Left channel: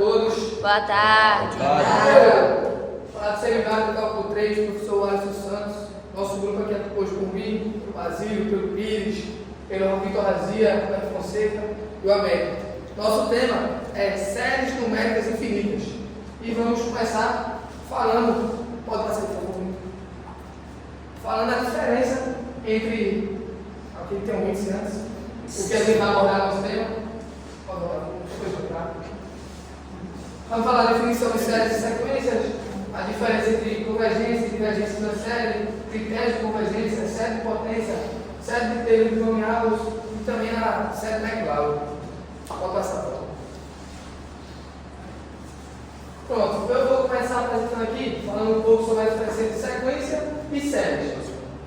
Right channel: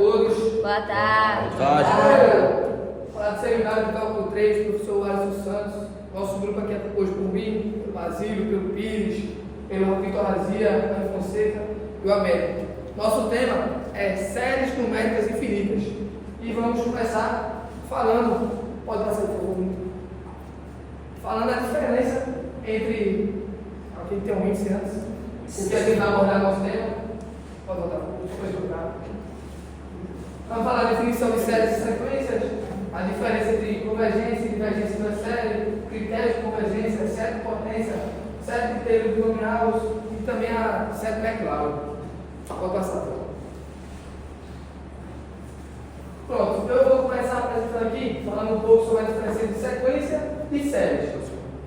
todos. Boa tarde. Para do seminário do cálculo 3, professor Alisson Santos. Nosso grupo aqui é composto por mim, pelo Basílio, pelo Pires, pelo Vitor Razia, pelo Fonseca e o Américo. Nosso tema é séries numéricas infinitas. E vamos começar falando, pode passar por favor, falando a diferença entre, aqui tem um índice antes, o que a gente vai abordar no nosso tema. Pode botar, depois botar. Vamos falar da definição de séries e sequências, a diferença entre convergência e divergência da série, critérios de convergência, série de potência, série de Taylor binomiais e também a série McLaren. Pode passar. Pronto, eu vou começar apresentando aqui, falando um pouco sobre a diferença entre sequência e séries.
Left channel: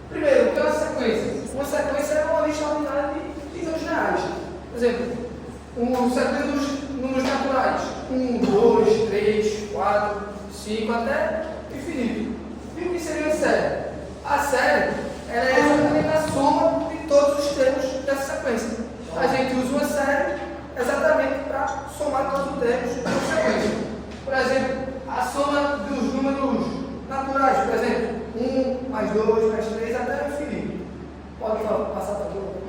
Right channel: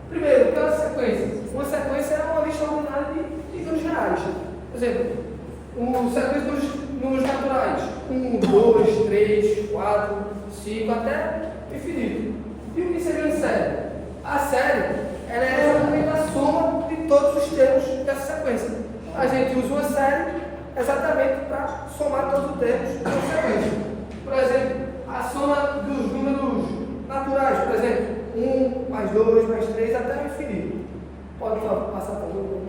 Primeiro, o que é uma sequência? Uma sequência é uma lista ordinária de números reais. Por exemplo, uma sequência dos números naturais. 1, 2, 3, 4, 5, até infinito. E o que seria uma série? A série ela é exatamente a soma de todos os termos dessa sequência. A gente usa uma série exatamente para somar todos os termos da sequência. Por exemplo, a soma dos números naturais, por exemplo, 1 mais 2 mais 3 até o infinito. Pode passar para tudo.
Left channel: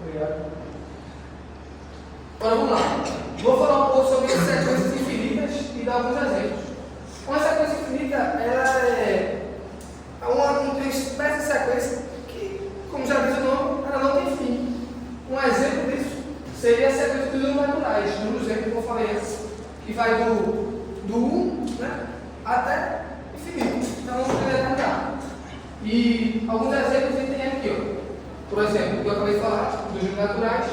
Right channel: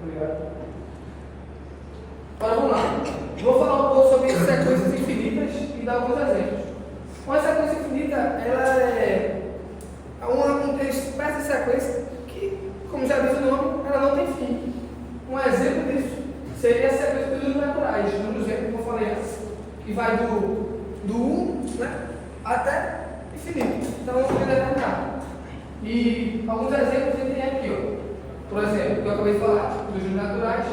Obrigado. Agora vamos lá. Vou falar um pouco sobre sequências infinitas e dar alguns exemplos. Uma sequência infinita ela é uma espécie de sequência que, como já diz o nome, ela não tem fim. Um exemplo disso seria a sequência dos números naturais, no exemplo que eu falei antes, que vai do 1, né, até infinito. Então, vamos determinar. E alguns exemplos a gente tem aqui. Ó. Por exemplo, o que eu acabei de falar, dos números naturais,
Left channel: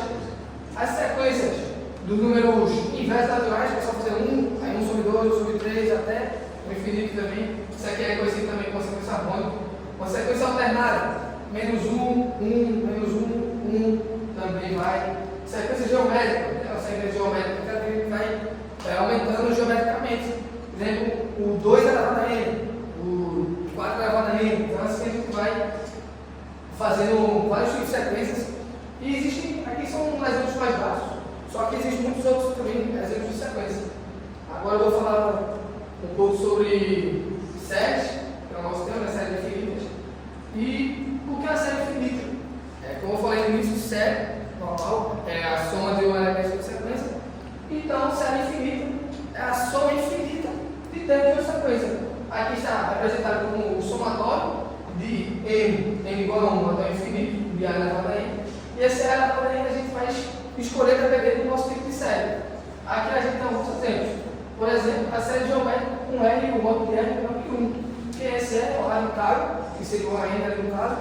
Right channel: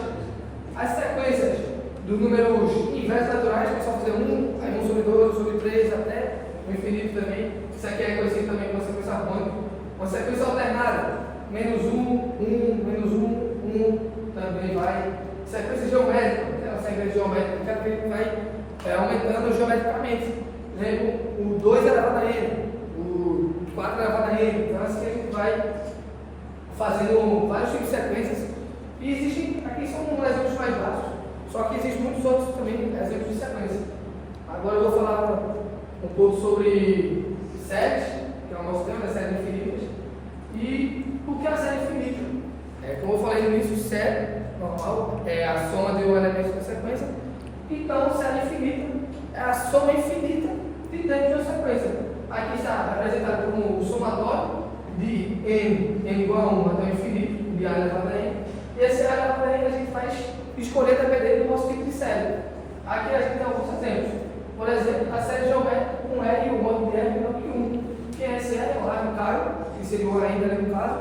as sequências dos números inversos naturais, que é só fazer 1, aí 1 sobre 2, 1 sobre 3, até o infinito também. Isso aqui é conhecido também como sequência harmônica. Uma sequência alternada, menos 1, 1, menos 1, 1, também vai. Sequência geométrica, aquela sequência geométrica que vai aumentando geometricamente. Por exemplo, o 2 elevado a n, o 4 elevado a n. Então, assim a gente vai fazendo vários tipos de sequências. E existem, aqui são exemplos mais básicos, só que existem muitos outros também exemplos de sequência. Agora eu vou falar um pouco sobre séries, que é o nosso tema, séries infinitas. E o que é uma série infinita? Como eu falei no início, série normal é a soma de um elemento da sequência. Então, série infinita é a soma infinita de termos da sequência. Aqui está representado como o somatório de n igual a 1 até o infinito, de a elevado a n. E esse a elevado a n a gente vai escolher dependendo do nosso tipo de série. Aqui a gente tem alguns exemplos. Por exemplo, a série geométrica com R, o modo de R menor que 1. Que é esse R, o arbitário, que seria igual a N ali no caso,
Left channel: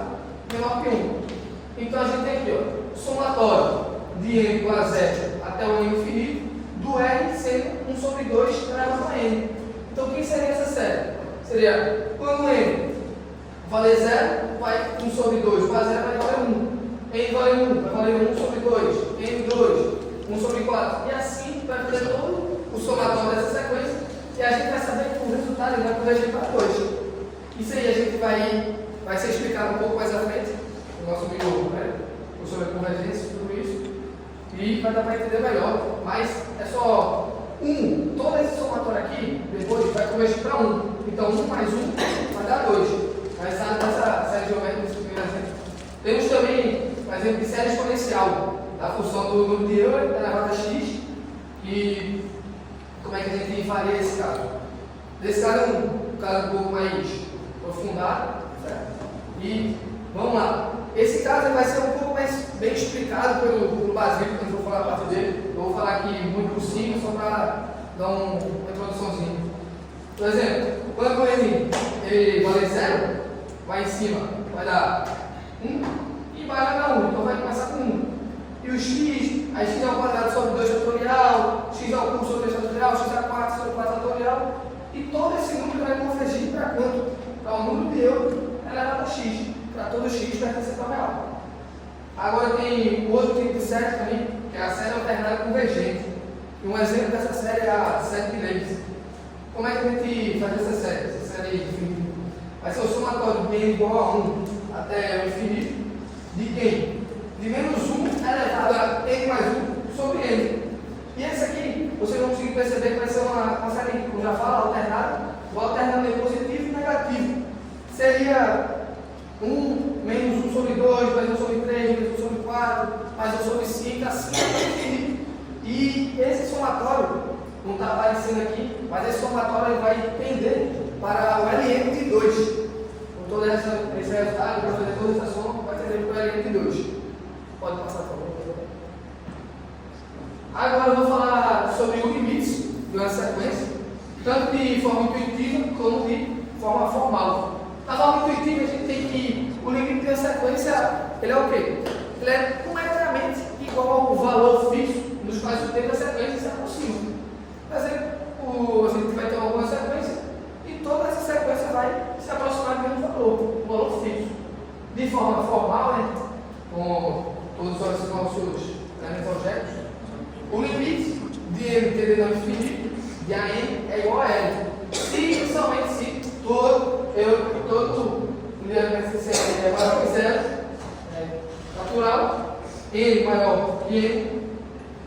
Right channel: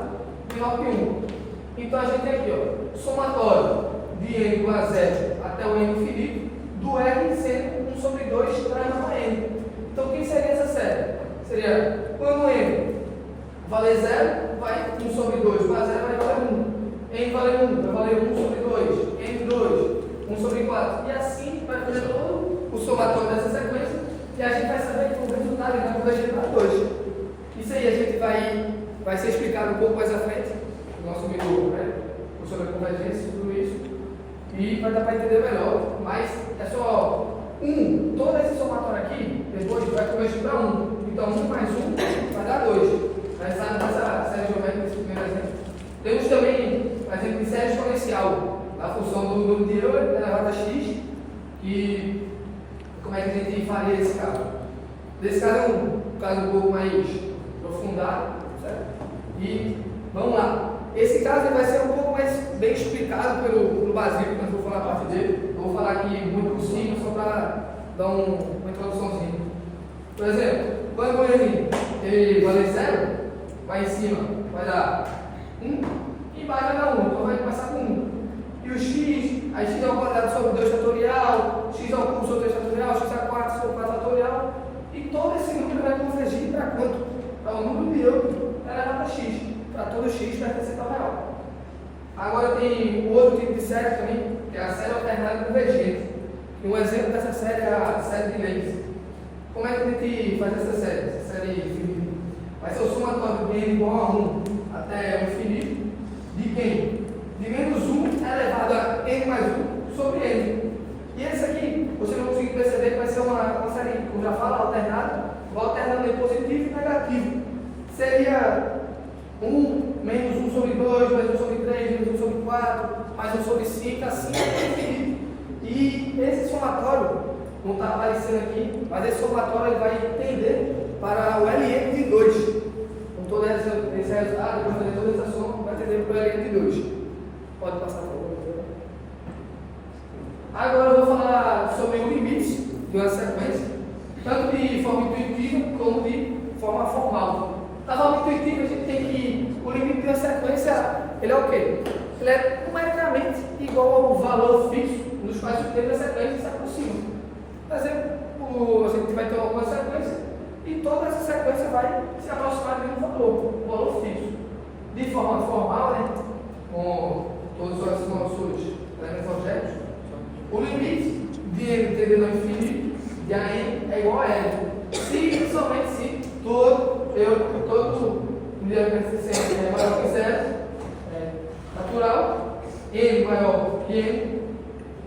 menor que 1. Então a gente tem aqui, ó, somatório de N igual a 0 até o N infinito, do R sendo 1 sobre 2 elevado a N. Então o que seria essa série? Seria quando N valer 0, vai 1 sobre 2, igual a 0 vai valer 1. N vale 1, vai valer 1 sobre 2, N2, 1 sobre 4. E assim vai fazer todo o somatório dessa sequência e a gente vai saber que o resultado vai convergir para 2. Isso aí a gente vai ser explicado um pouco mais à frente, no nosso amigo, né, sobre a convergência, tudo isso, e vai dar para entender melhor. Mas é só 1, todo esse somatório aqui, depois vai convergir para 1. Então 1 mais 1 vai dar 2. Vai estar nessa série geométrica nesse primeiro exemplo. Temos também, por exemplo, de série exponencial, a função do número de Euler elevado a x, e como é que a gente faria esse caso? Nesse caso é um caso um pouco mais aprofundado, certo? E vamos lá. Esse caso vai ser um pouco mais bem explicado pelo Basílio, quando eu vou falar a parte dele. Eu vou falar aqui muito por cima, só para dar uma introduçãozinha. Por exemplo, quando ele vale 0, vai em cima, vai dar 1, e embaixo vai dar 1, então vai começar com 1. E o x, aí x ao quadrado sobre 2 fatorial, x ao cubo sobre 3 fatorial, x a 4 sobre 4 fatorial, e todo esse número vai convergir para quanto? Para o número de Euler elevado a x, para todo x pertencente ao real. Agora tem o outro tipo de série também, que é a série alternada convergente. E um exemplo dessa série é a série de Leibniz. Como é que a gente faz essa série? Essa série vai ser o somatório de n igual a 1 até o infinito de quem? De menos 1 elevado a n mais 1 sobre n. E esse aqui, você vai conseguir perceber que vai seria 1 menos 1 sobre 2, mais 1 sobre 3, menos 1 sobre 4, mais 1 sobre 5, assim até o infinito. E esse somatório, não está aparecendo aqui, mas esse somatório ele vai tender para o LN de 2. Com todo esse resultado, para fazer toda essa soma, vai tender para o LN de 2. Pode passar, por favor. Agora eu vou falar sobre o limite de uma sequência, tanto de forma intuitiva como de forma formal. Na forma intuitiva, a gente tem que o limite de uma sequência, ele é o quê? Ele é numericamente igual ao valor fixo nos quais o tempo da sequência se aproxima. Por exemplo, a gente vai ter alguma sequência e toda essa sequência vai se aproximar do mesmo valor, um valor fixo. De forma formal, né, com todos os nossos grandes objetos, o limite de n tendendo ao infinito de AN é igual a L. Se e somente se todo universo é maior que zero, natural, n maior que n,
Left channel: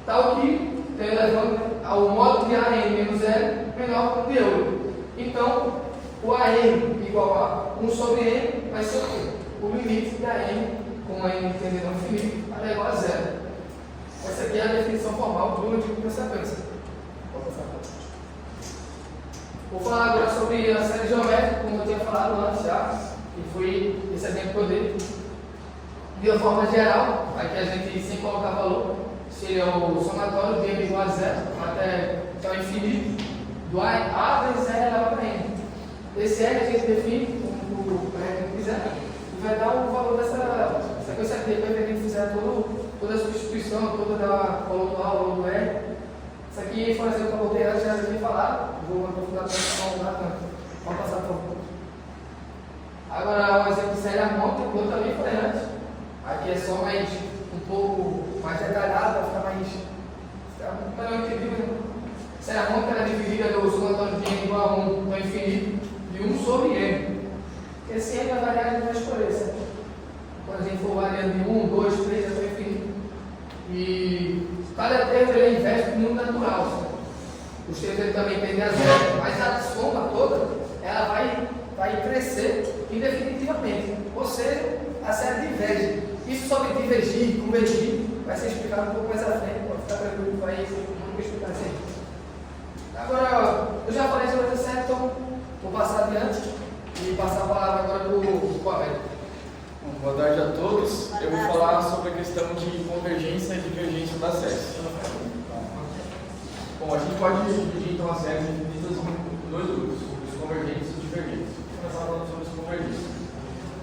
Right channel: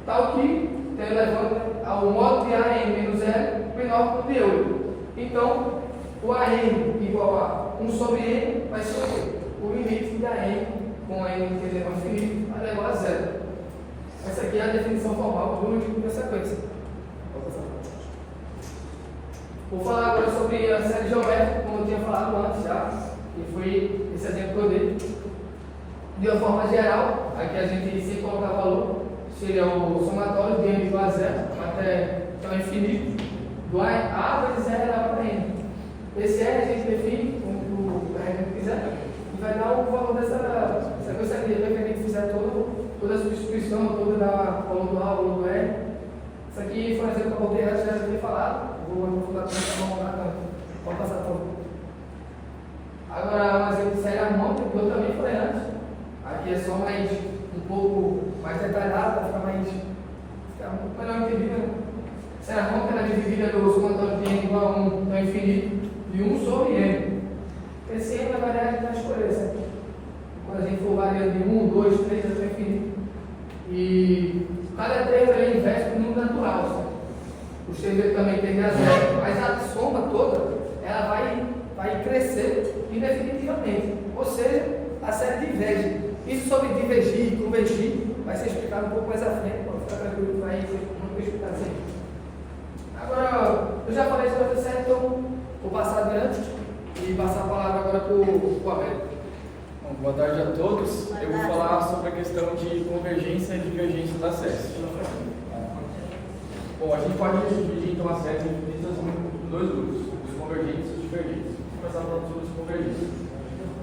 tal que, levando ao modo de AN menos L menor que o de eu. Então, o AN igual a 1 sobre n vai ser o quê? O limite de AN com n tendendo ao infinito vai igual a zero. Essa aqui é a definição formal do limite da sequência. Vou falar agora sobre a série geométrica, como eu tinha falado antes já, que foi esse exemplo que eu dei. De uma forma geral, aqui a gente sem colocar valor, seria o somatório de m igual a zero até o infinito, do a vezes r elevado a n. Esse r a gente define como o R quiser e vai dar o valor dessa sequência aqui, depois que a gente fizer toda a substituição, toda a valor do A, valor do R. Isso aqui foi um exemplo que eu voltei antes, já vou falar. Vou aprofundar para pode passar, por favor. Agora, um exemplo de série harmônica, que eu também falei antes. Aqui é só mais um pouco mais detalhado, para ficar mais. Melhor entendido. Série harmônica é dividida no somatório de n igual a 1 no infinito, de 1 sobre n. Esse n vai variar, a gente vai escolher, certo? Quando a gente for variando de 1, 2, 3 até o infinito. E cada termo ele investe no número natural, certo? Os termos também tendem a zero, mas a soma toda ela vai crescer indefinitivamente. Ou seja, a série diverge. Isso sobre divergir, convergir, vai ser explicado um pouco mais à frente. Pode ficar tranquilo, não vou explicar assim. Agora, eu já falei sobre essa série, então vou passar adiante e passar a palavra agora para o Américo. Boa tarde a todos. Eu vou falar sobre a questão de convergência e divergência das séries. Bom, a gente pode dividir então as séries infinitas em dois grupos, os convergentes e os divergentes. Vou começar falando sobre os convergentes.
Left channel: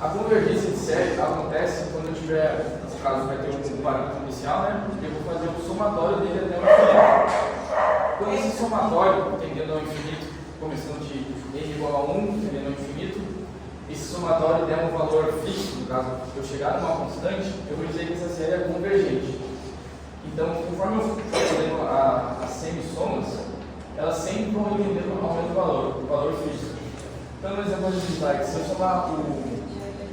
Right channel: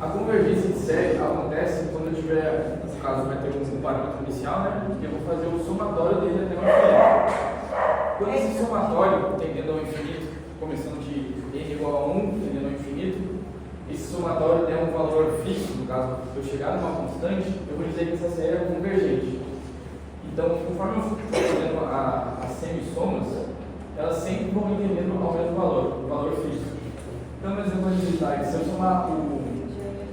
A convergência de série acontece quando eu tiver, nesse caso vai ter um parâmetro inicial, né? Eu vou fazer o somatório dele até o infinito. Quando esse somatório tendendo ao infinito, começando de n igual a 1, tendendo ao infinito, esse somatório der um valor fixo, no caso, se eu chegar numa constante, eu vou dizer que essa série é convergente. Então, conforme eu for fazendo as semissomas, elas sempre vão ir tendendo ao mesmo valor, o valor fixo. Então, no exemplo de slide, se eu somar o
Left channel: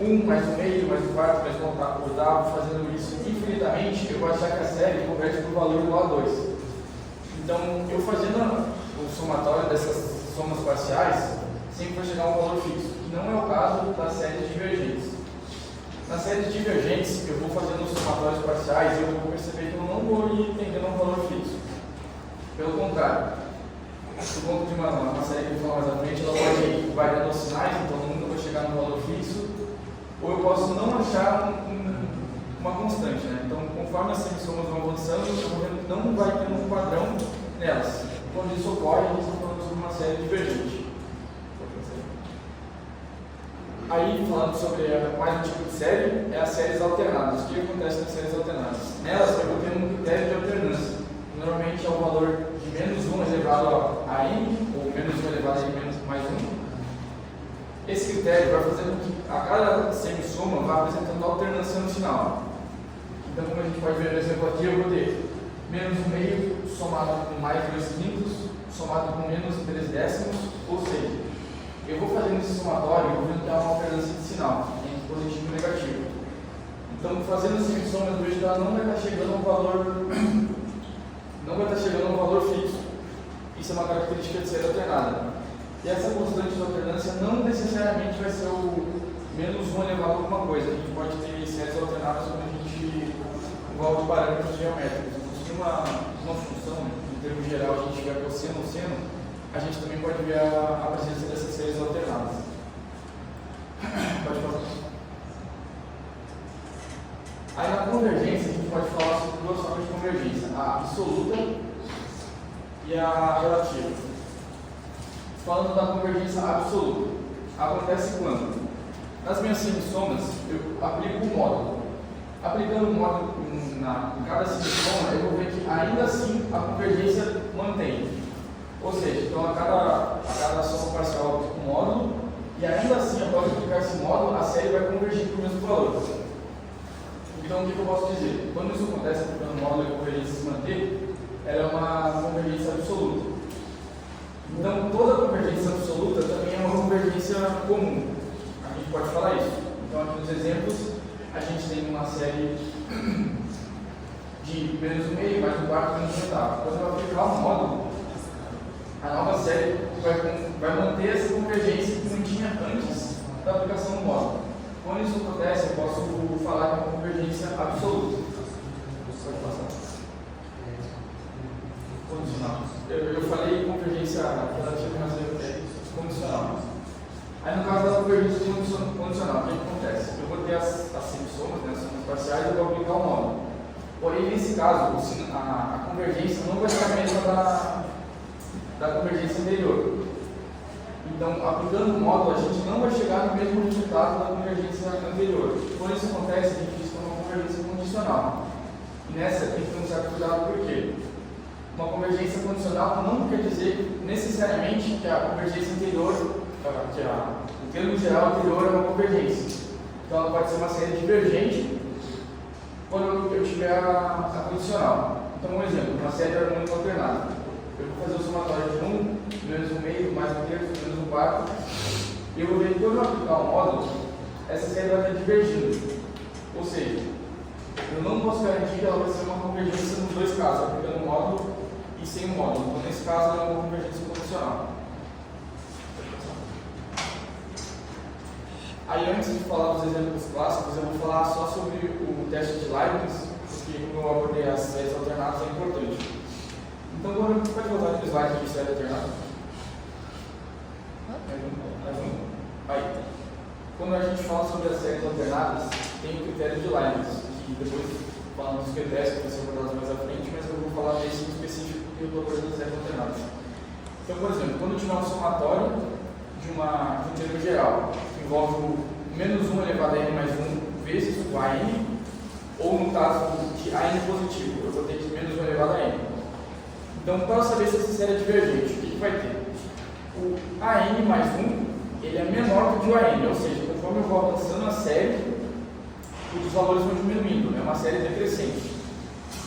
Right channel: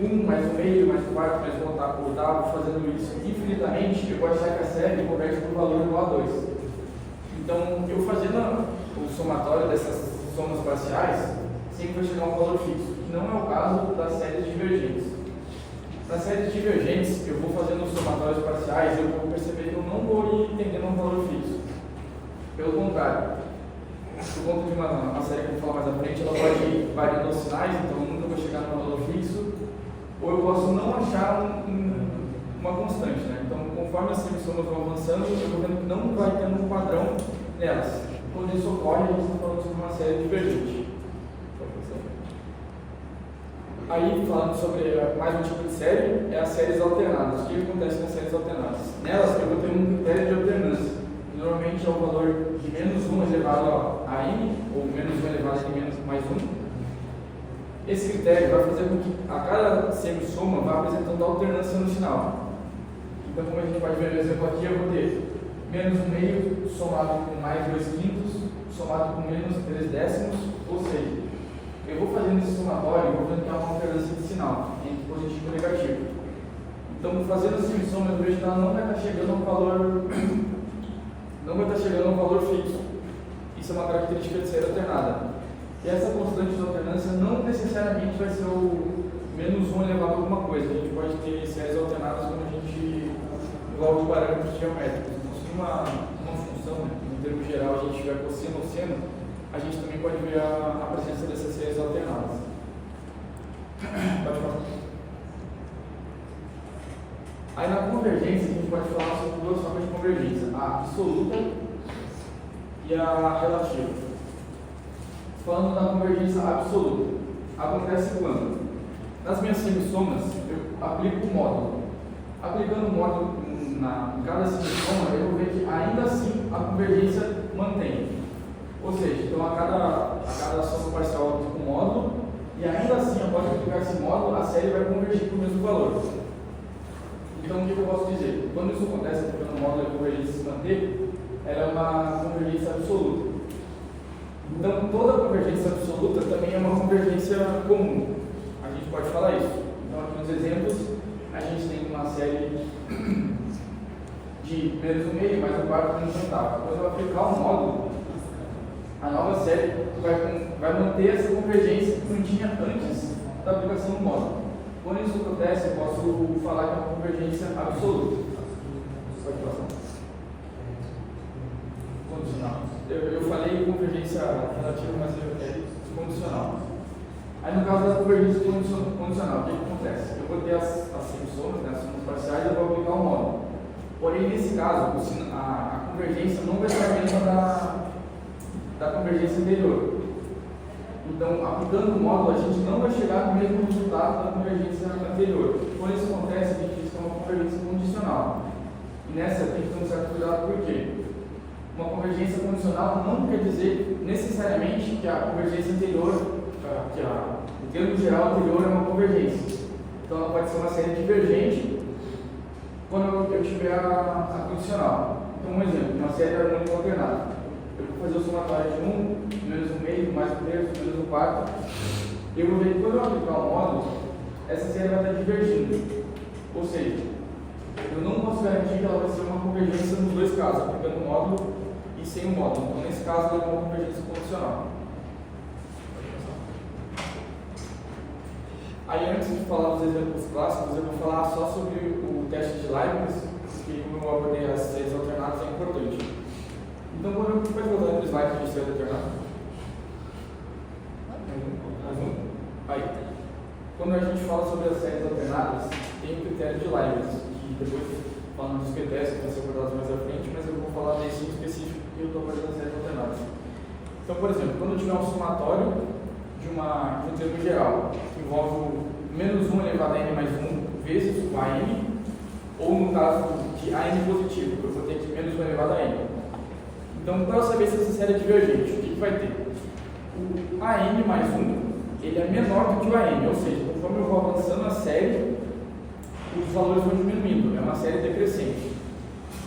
1 mais o meio, mais o quarto, mais o oitavo, fazendo isso infinitamente, eu vou achar que a série converte para um valor igual a 2. Então, eu fazendo o somatório dessas somas parciais, sempre vai chegar a um valor fixo, que não é o caso das séries divergentes. Nas séries divergentes, eu vou fazendo os somatórios parciais e eu vou perceber que eu não vou ir tendendo a um valor fixo. Pelo contrário, por conta de uma série que eu vou falar mais à frente, ela pode ir variando os sinais, então nunca vai chegar num valor fixo, ou eu posso não achar uma constante, né? Então, conforme as semissomas vão avançando, eu vou vendo que não vai tendo um padrão nelas. Quando isso ocorre, a gente está falando sobre uma série divergente. Aí, falando sobre mais um tipo de série, é as séries alternadas. O que acontece nas séries alternadas? Nelas, eu vou ter um critério de alternância. Normalmente é o valor de menos 1 elevado a n, ou menos 1 elevado a menos mais 1. Esse critério vai fazer com que a cada semissoma vá apresentando alternância no final. Então, como a gente pode ver no exemplo aqui, eu vou ter menos 1 meio somado com mais 2 quintos, somado com menos 3 décimos, ou seja, eu vou fazendo esse somatório e vou vendo que há uma alternância de sinal, entre positivo e negativo. Então, fazendo essa soma, eu vejo que ela não vai estar chegando a um valor fixo. Isso é uma característica de série alternada. E essa constante de alternância não necessariamente vai ser o menos 1 elevado a alguma coisa. A gente pode ter séries alternadas quando a gente envolve parâmetros geométricos. Então, se uma função, em termos geral, a gente tiver cosseno ou seno, a gente também pode ver a presença dessas séries alternadas. Pode passar. Aí na convergência a gente pode falar sobre duas formas de convergência, a absoluta e a relativa. Falando da convergência absoluta, acontece quando? Nas minhas simissomas eu aplico o módulo. Aplicando o módulo em cada simissoma, eu vou ver que ainda assim a convergência mantém. Ou seja, então a cada soma parcial eu aplico o módulo e ainda assim, após aplicar esse módulo, a série vai convergir para o mesmo valor. Então, o que eu posso dizer? Quando isso acontece, aplicando o módulo e a convergência se manter, ela é uma convergência absoluta. Então, toda convergência absoluta também é uma convergência comum. A gente pode falar isso. Então, aqui nos exemplos, a gente tem uma série de menos 1/2, mais 1/4, menos 1/8. Quando eu aplicar o módulo, a nova série vai manter essa convergência que mantinha antes da aplicação do módulo. Quando isso acontece, eu posso falar que é uma convergência absoluta. Pode passar. Condicional. Eu falei convergência relativa, mas é condicional. Aí no caso da convergência condicional, o que acontece? Eu vou ter as semisomas, né, as somas parciais, e eu vou aplicar o módulo. Porém, nesse caso, a convergência não vai ser a mesma da convergência anterior. Então, aplicando o módulo, a gente não vai chegar no mesmo resultado da convergência anterior. Quando isso acontece, a gente diz que é uma convergência condicional. E nessa tem que ter um certo cuidado, por quê? Uma convergência condicional não quer dizer necessariamente que a convergência anterior, o termo geral anterior é uma convergência. Então, ela pode ser uma série divergente quando eu tiver a condicional. Então, um exemplo, uma série harmônica alternada. Eu vou fazer o somatório de 1, menos 1/2, mais 1/3, menos 1/4. Eu vou ver que quando eu aplicar o módulo, essa série vai estar divergindo. Ou seja, eu não posso garantir que ela vai ser uma convergência nos dois casos, aplicando o módulo e sem o módulo. Então, nesse caso, ela é uma convergência condicional. Aí, antes de falar dos exemplos clássicos, eu vou falar só sobre o teste de Leibniz, porque como eu abordei as séries alternadas, é importante. Então, pode voltar para o slide de série alternada? Mais um? Aí. Quando a gente fala sobre as séries alternadas, tem o critério de Leibniz, que depois, falando dos critérios, que vai ser abordados mais à frente, mas eu vou falar desse específico que eu estou abordando as séries alternadas. Então, por exemplo, quando eu tiver um somatório de um termo geral, que envolve o menos 1 elevado a n mais 1 vezes o AN, ou no caso de AN positivo, eu vou ter que menos 1 elevado a n. Então, para eu saber se essa série é divergente, o que vai ter? O AN mais 1, ele é menor do que o AN, ou seja, conforme eu vou avançando a série, os valores vão diminuindo, é uma série decrescente.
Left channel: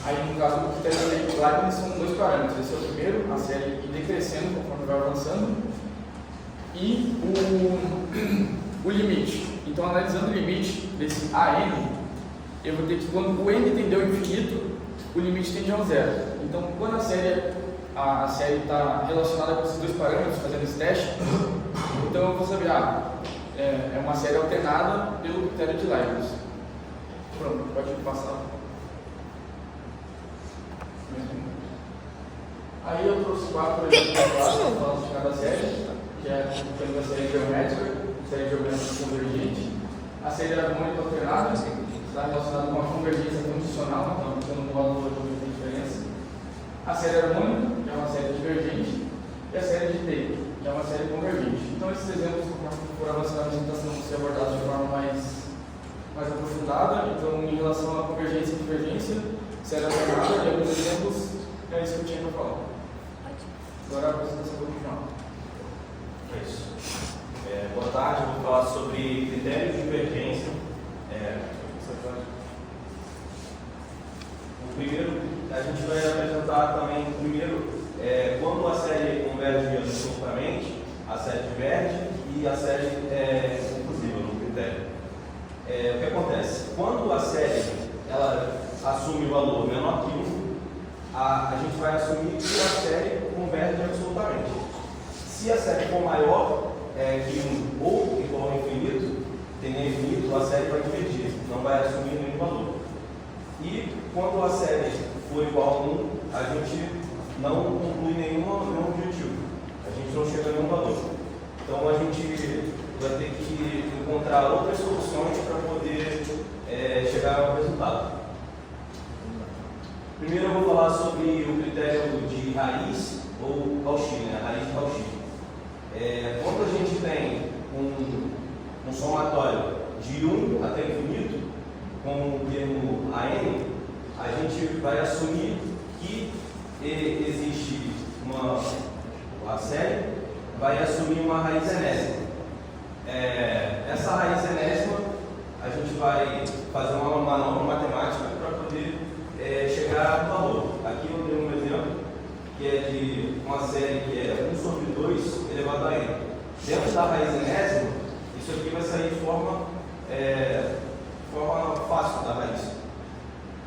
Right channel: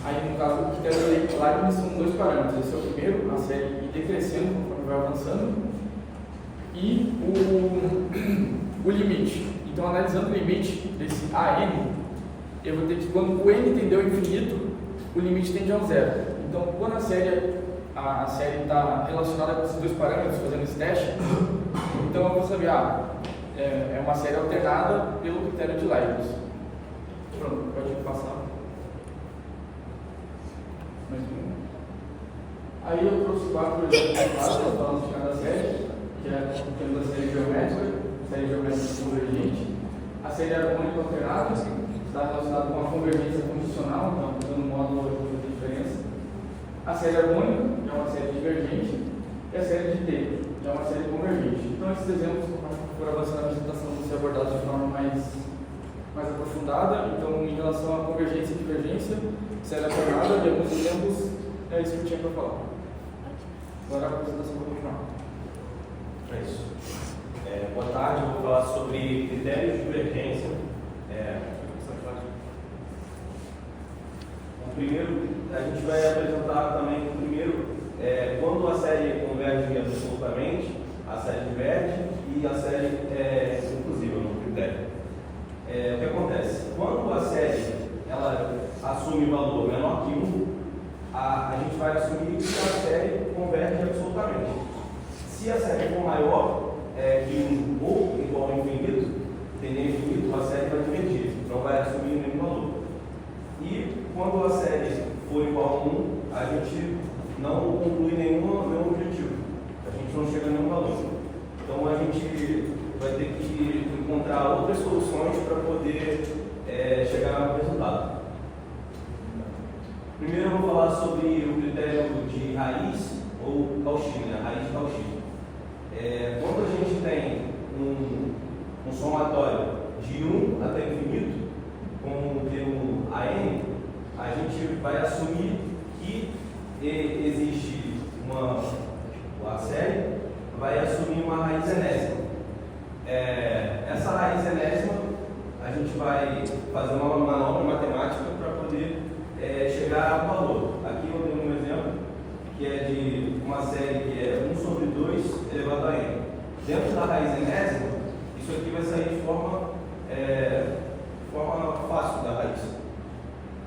Aí, no caso do critério de Leibniz, são dois parâmetros. Esse é o primeiro, a série ir decrescendo conforme vai avançando, e o limite. Então, analisando o limite desse AN, eu vou ter que, quando o n tende ao infinito, o limite tende ao zero. Então, quando a série está relacionada com esses dois parâmetros, fazendo esse teste, então eu vou saber, é uma série alternada pelo critério de Leibniz. Pronto, pode passar. Aí eu trouxe 4 exemplos falando de cada série, que é temos a série geométrica convergente, a série harmônica alternada, está relacionada com a convergência condicional, então no módulo eu vou ver a diferença. A série harmônica, que é uma série divergente, e a série de Taylor, que é uma série convergente. Então, esses exemplos, por avançar na apresentação, vão ser abordados de forma mais aprofundada. Então, em relação à convergência e divergência, série alternada e alguns exemplos, é isso que eu tinha para falar. Agora a apresentação vai continuar. É isso. Boa tarde, eu vou falar sobre critérios de divergência. Primeiro, a gente vai apresentar também primeiro quando a série converge absolutamente, a série diverge e a série é inclusiva no critério. O que acontece? Quando a série ela assume o valor menor que 1, a gente vai assumir que a série converge absolutamente. Se a série for maior que 1 ou igual ao infinito, tendendo infinito, a série vai divergir, não vai assumir nenhum valor. E quando a série for igual a 1, a gente não conclui nenhum objetivo, a gente não chega a nenhum valor. Então a gente vai ter que encontrar outras soluções para poder chegar ao resultado. Primeiro eu vou falar sobre o critério de raiz ou Cauchy, né? Raiz de Cauchy. Quando a gente tem um somatório de 1 até infinito, com o termo AN, a gente vai assumir que existe a série vai assumir uma raiz enésima. Essa raiz enésima, a gente vai fazer uma manobra matemática para poder chegar ao valor. Aqui eu tenho um exemplo que é de uma série que é 1 sobre 2 elevado a n. Dentro da raiz enésima, isso aqui vai sair de forma fácil da raiz.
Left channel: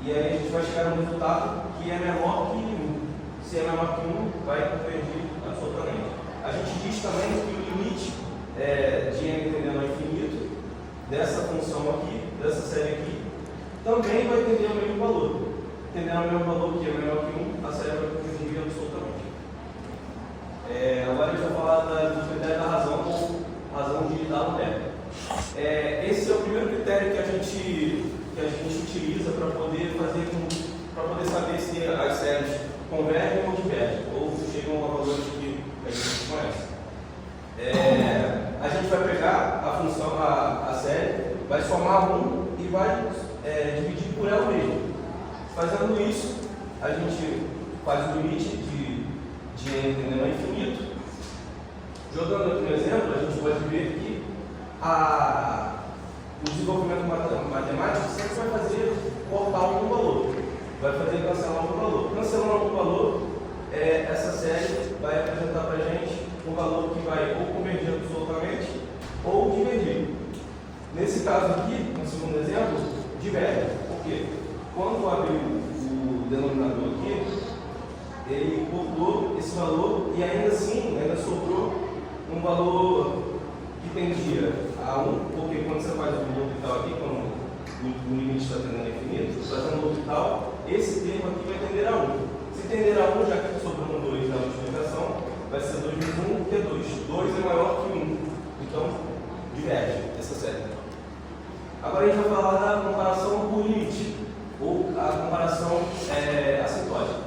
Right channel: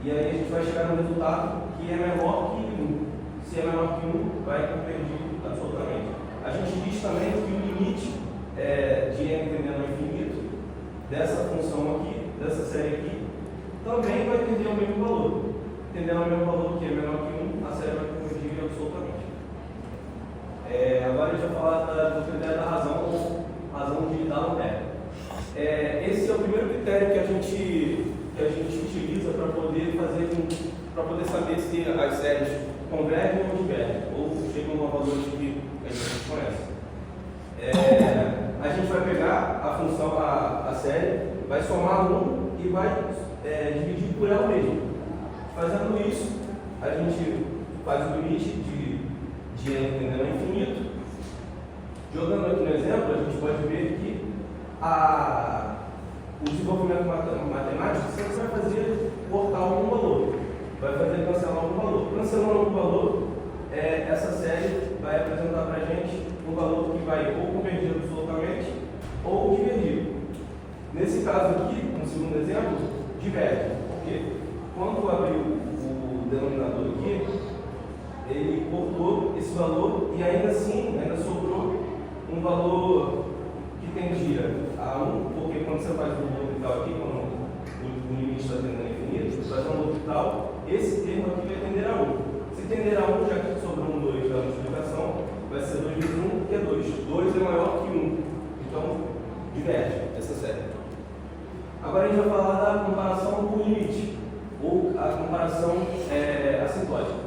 E aí a gente vai chegar no resultado que é menor que 1. Se é menor que 1, vai convergir absolutamente. A gente diz também que o limite de n tendendo ao infinito dessa função aqui, dessa série aqui, também vai tender ao mesmo valor. Tendendo ao mesmo valor que é menor que 1, a série vai convergir absolutamente. Agora a gente vai falar do critério da razão ou razão de D'Alembert. Esse é o primeiro critério que a gente utiliza para poder saber se as séries convergem ou divergem, ou chegam a valores que a gente conhece. A gente vai pegar a função, a série, vai somar 1 e vai dividir por ela mesma. Fazendo isso, a gente faz o limite de n tendendo ao infinito. Jogando aqui no exemplo, a gente pode ver que o desenvolvimento matemático sempre vai fazer cortar algum valor, vai fazer cancelar algum valor. Cancelando algum valor, essa série vai apresentar para a gente um valor que vai ou convergir absolutamente ou divergir. Nesse caso aqui, no segundo exemplo, diverge. Por quê? Quando eu abri o denominador aqui, ele cortou esse valor e ainda assim, ainda sobrou um valor que tendia a 1, porque quando você faz o orbital aqui, quando o limite está tendendo a infinito, você faz um orbital, esse termo aqui vai tender a 1. Se tender a 1, já que sobrou um 2 na multiplicação, vai ser 2 vezes 1, que é 2. 2 é maior que 1. Então, diverge essa série. Agora a gente vai falar da comparação por limite, ou a comparação assintótica.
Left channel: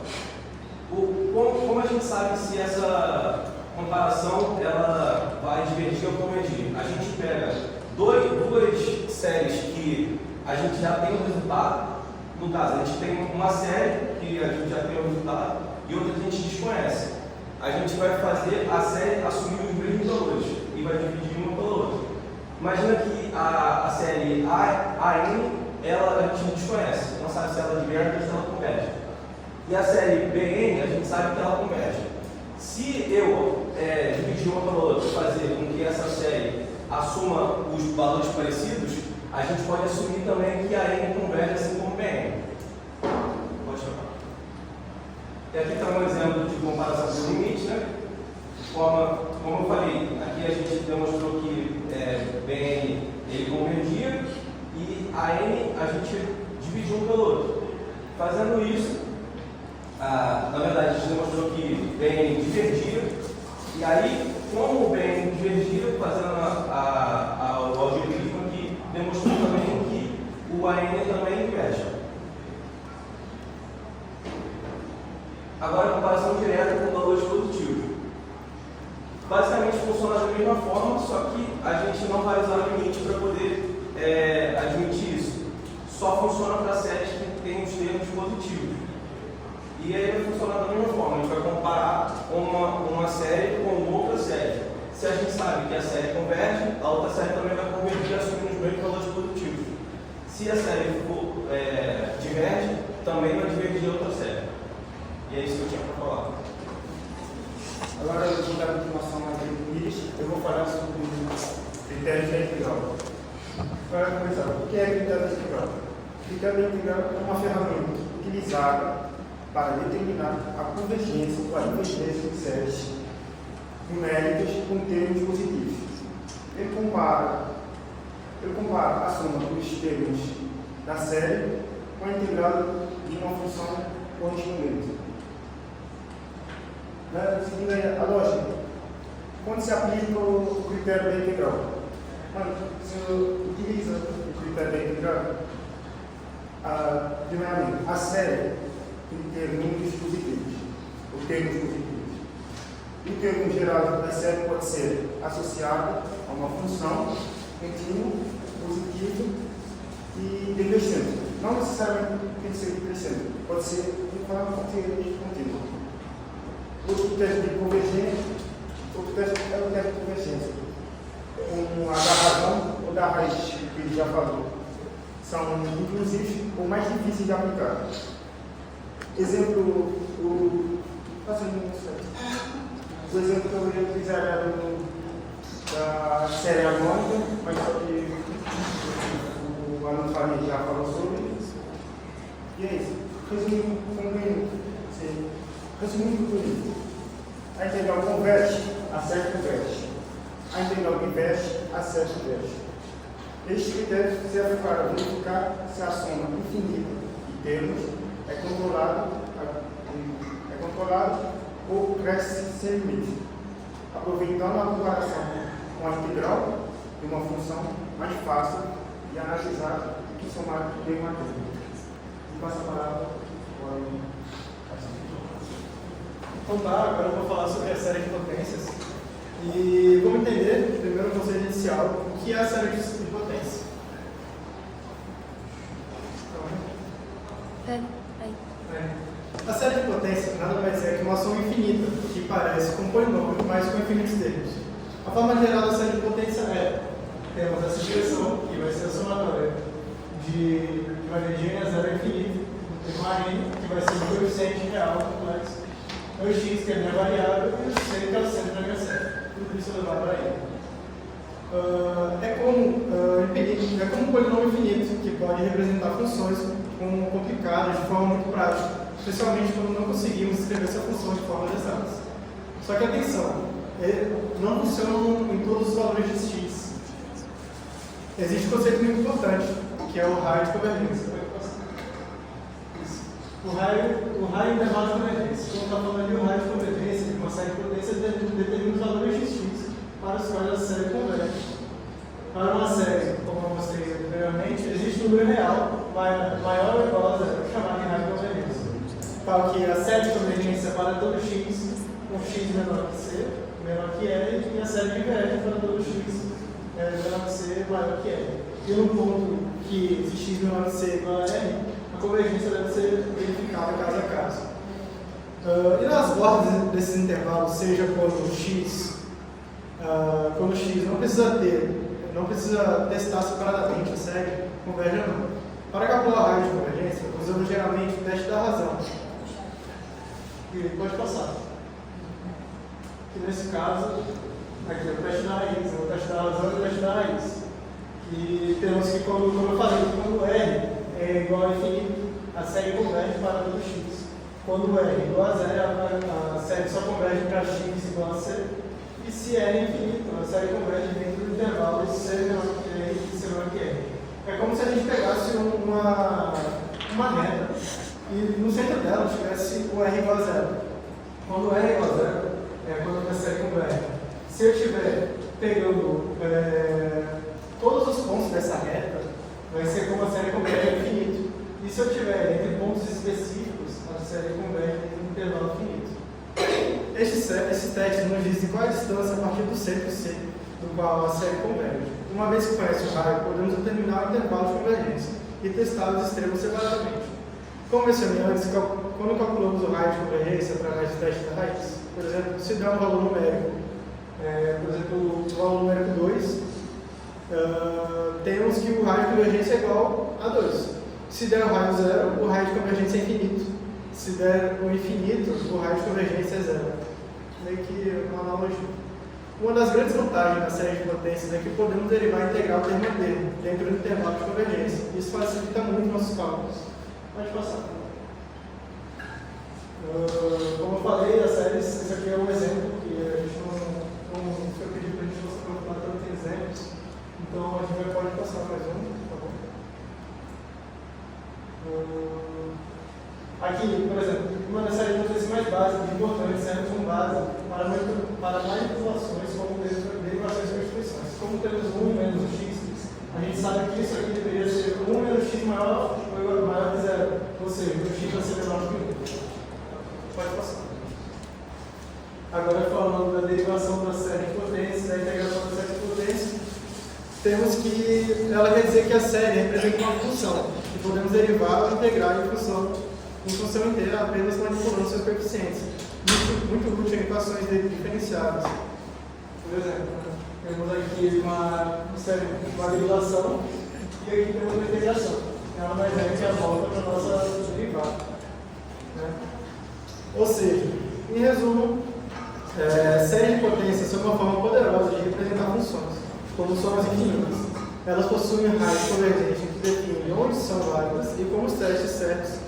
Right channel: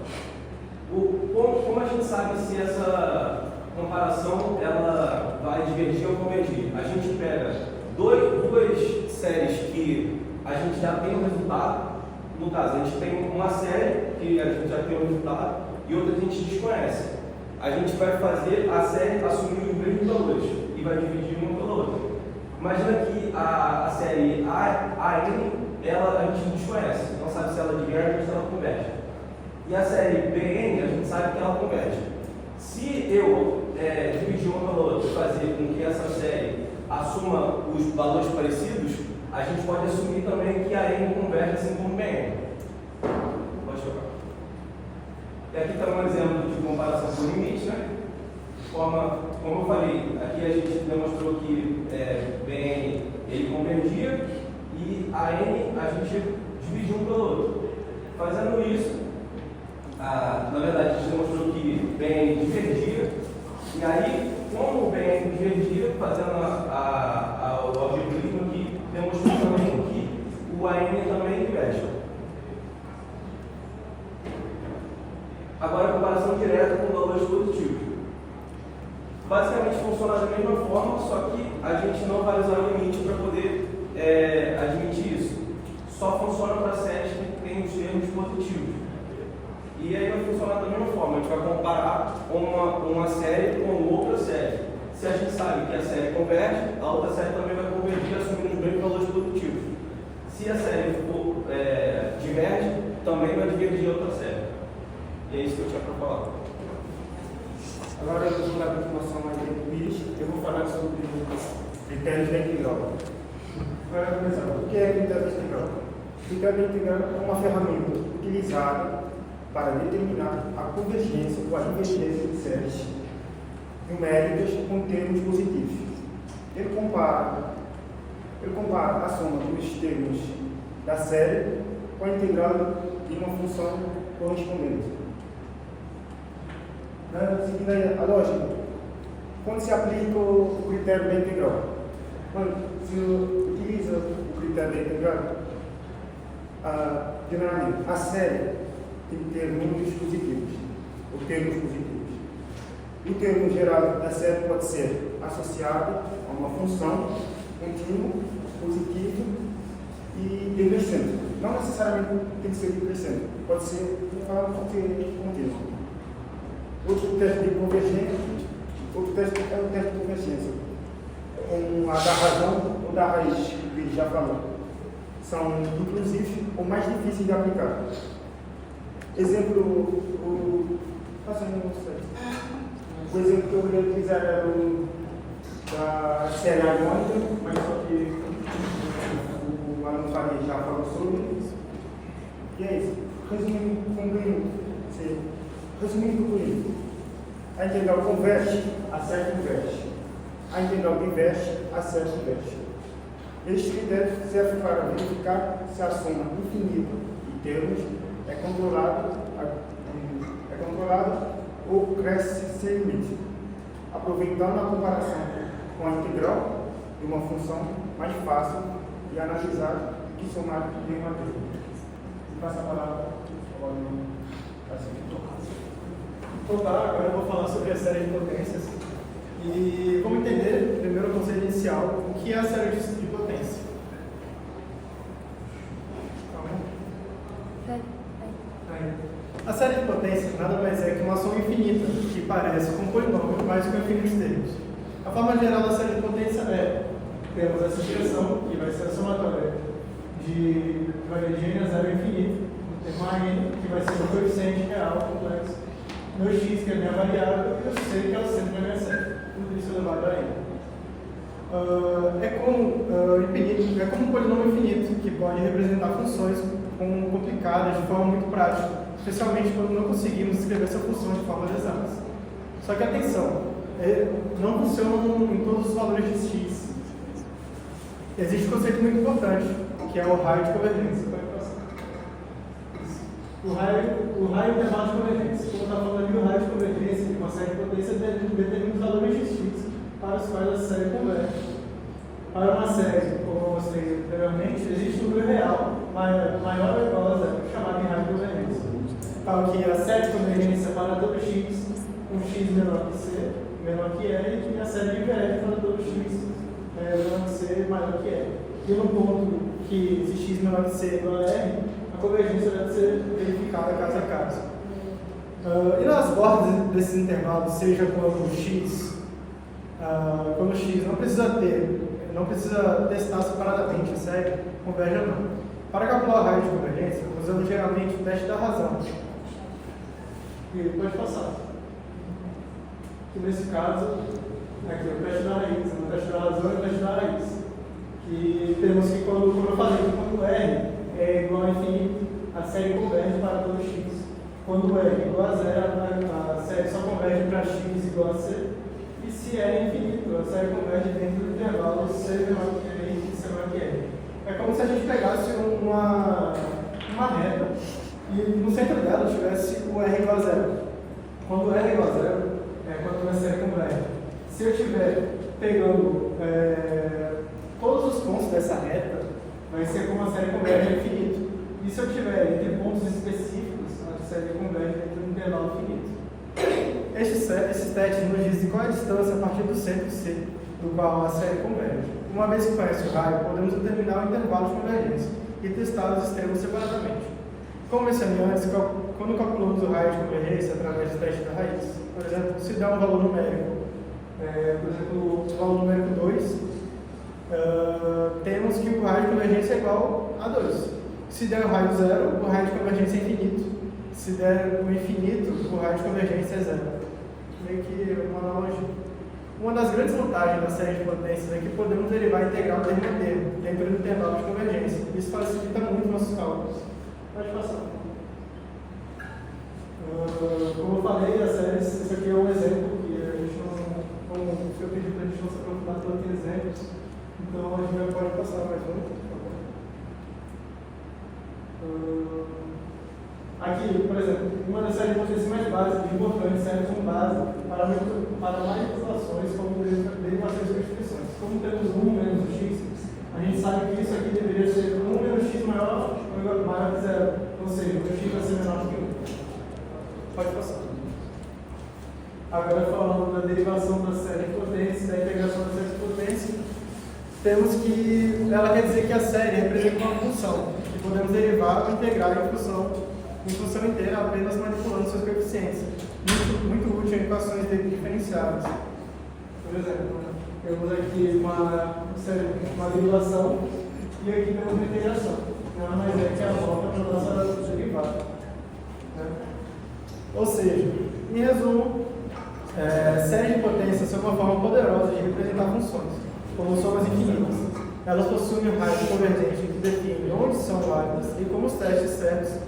Como a gente sabe se essa comparação ela vai divergir ou convergir? A gente pega duas séries que a gente já tem o resultado. No caso, a gente tem uma série que a gente já tem o resultado e outra que a gente desconhece. A gente vai fazer a série assumir os mesmos valores e vai dividir uma pela outra. Imagina que a série AN, a gente não desconhece, não sabe se ela diverge ou se ela converge. E a série BN, a gente sabe que ela converge. Se eu dividir uma pela outra e fazer com que essa série assuma os valores parecidos, a gente pode assumir também que a N converge assim como BN. Pode trocar. Aqui está um exemplo de comparação por limite, né? Como eu falei, aqui a gente demonstrou que BN ele convergia e a N a gente dividiu um pelo outro. Fazendo isso, na verdade a gente demonstrou que BN divergia, e aí, como o BN divergia, fazendo o algoritmo aqui, demonstrou também que o AN também diverge. Agora, a comparação direta com valores positivos. Basicamente funciona da mesma forma, só que a gente não vai usar o limite para poder admitir isso. Só funciona para séries que têm os termos positivos. E aí vai funcionar da mesma forma, a gente vai comparar uma série com outra série. Se a gente sabe que a série converge, a outra série também vai convergir assumindo os mesmos valores positivos. Se a série for diverge, também vai divergir a outra série. E é isso que eu tinha para falar. Agora eu vou dar a continuação mais do quiz. Eu vou falar sobre critérios da integral. Para começar, o que é critério da integral? O critério da integral é uma ferramenta utilizada para determinar a convergência ou a divergência de séries numéricas com termos positivos. Ele compara a soma dos termos da série com a integral de uma função correspondente. Seguindo aí a lógica, quando se aplica o critério da integral? Quando se utiliza o critério da integral, primeiramente, a série tem que ter números positivos, ou termos positivos. O termo geral da série pode ser associado a uma função contínua, positiva e decrescente. Não necessariamente tem que ser decrescente, pode ser contínua. Outro teste de convergência, é o teste de convergência. A da razão ou da raiz, que ele já falou. São inclusivos ou mais difíceis de aplicar. Exemplo, o exemplo que eu ia utilizar era da série harmônica, mas só que o aluno Fabinho já falou sobre isso. E é isso. Resumindo por isso, a integral converte, a série converte. A integral diverge, a série converte. Este critério serve para verificar se a soma infinita de termos é controlada ou cresce sem limite, aproveitando a comparação com a integral de uma função mais fácil de analisar do que somar de uma termo. Vou passar a palavra para o Então tá, agora eu vou falar sobre a série de potências e vamos entender, primeiro o conceito inicial, o que é a série de potência. A série de potência nada mais é que uma soma infinita, que parece com um polinômio, mas com infinitos termos. A forma geral da série de potência é, temos essa expressão, que vai ser a somatória de N a 0 infinito, tem uma N, que vai ser o coeficiente real complexo, meu x, que é a minha variável, e o c, que é o centro da minha série. Tudo isso elevado a n. É como um polinômio infinito, que pode representar funções complicadas de forma muito prática, especialmente quando não conseguimos escrever essa função de formas exatas. Só que atenção, não funcionam em todos os valores de x. Existe um conceito muito importante, que é o raio de convergência. O raio intervalo de convergência. Quando está falando de um raio de convergência, ele consegue potência determina os valores de x para os quais a série converge. Para uma série, como eu mostrei anteriormente, existe um número real maior ou igual a zero, chamado de raio de convergência. Tal que a série de convergência para todo x, com x menor que c, menor que l, e a série diverge para todo x menor que c, maior que l. E no ponto que se x menor que c igual a r, a convergência deve ser verificada caso a caso. E nas bordas desses intervalos, seja quando x não precisa testar separadamente a série, converge ou não. Para calcular o raio de convergência, usamos geralmente o teste da razão. E pode passar. Que nesse caso, aqui é o teste da raiz, o teste da razão e o teste da raiz. E temos que, como eu falei, quando R é igual a infinito, a série converge para todo x. Quando R é igual a zero, a série só converge para x igual a c. E se R é infinito, a série converge dentro do intervalo de c menor que R e c menor que R. É como se a gente pegasse uma reta e no centro dela tivesse o R igual a zero. Quando o R é igual a zero, é quando a minha série converge. Se eu estiver pegando todos os pontos dessa reta, vai ser como a série converge a infinito. E se eu tiver entre pontos específicos, a série converge dentro do intervalo finito. Esses testes nos dizem qual é a distância a partir do centro C, do qual a série converge. Uma vez que conhece o raio, podemos determinar o intervalo de convergência e testar os extremos separadamente. Como mencionei antes, quando calculamos o raio de convergência através do teste da raiz, por exemplo, se der um valor numérico, por exemplo, o valor numérico 2, temos que o raio de convergência é igual a 2. Se der o raio 0, o raio de convergência é infinito. Se der o infinito, o raio de convergência é 0. Meio que uma analogia. Uma das grandes vantagens da série de potências é que podemos derivar a integral termo a termo, dentro do intervalo de convergência. Isso facilita muito nossos cálculos. Pode passar. Como eu falei, esse aqui é um exemplo que a gente não aprofundar tanto em exemplos. Então a gente pode passar mais um, por favor. Aqui, por exemplo, uma das séries de potências mais básicas e importantes serve como base para manipulações como derivações e expressões. Como temos 1 menos o x, a gente sabe que isso aqui deveria ser 1 menos x maior que 0, ou seja, o x vai ser menor que 1. Pode passar. Agora falando da derivação da série de potências, da integração da série de potências, temos que ela quer dizer que a série representa uma função, que podemos derivar ou integrar em função inteira apenas manipulando seus coeficientes. Muito útil em equações diferenciáveis. Por exemplo, temos aqui uma derivação e aqui temos uma integração. Ela mais é que a volta para a nossa derivada. Né? Ou seja, em resumo, séries de potências são uma forma poderosa de representar funções, como somas infinitas. Elas possuem raios convergentes que definem onde são válidas e como os testes certos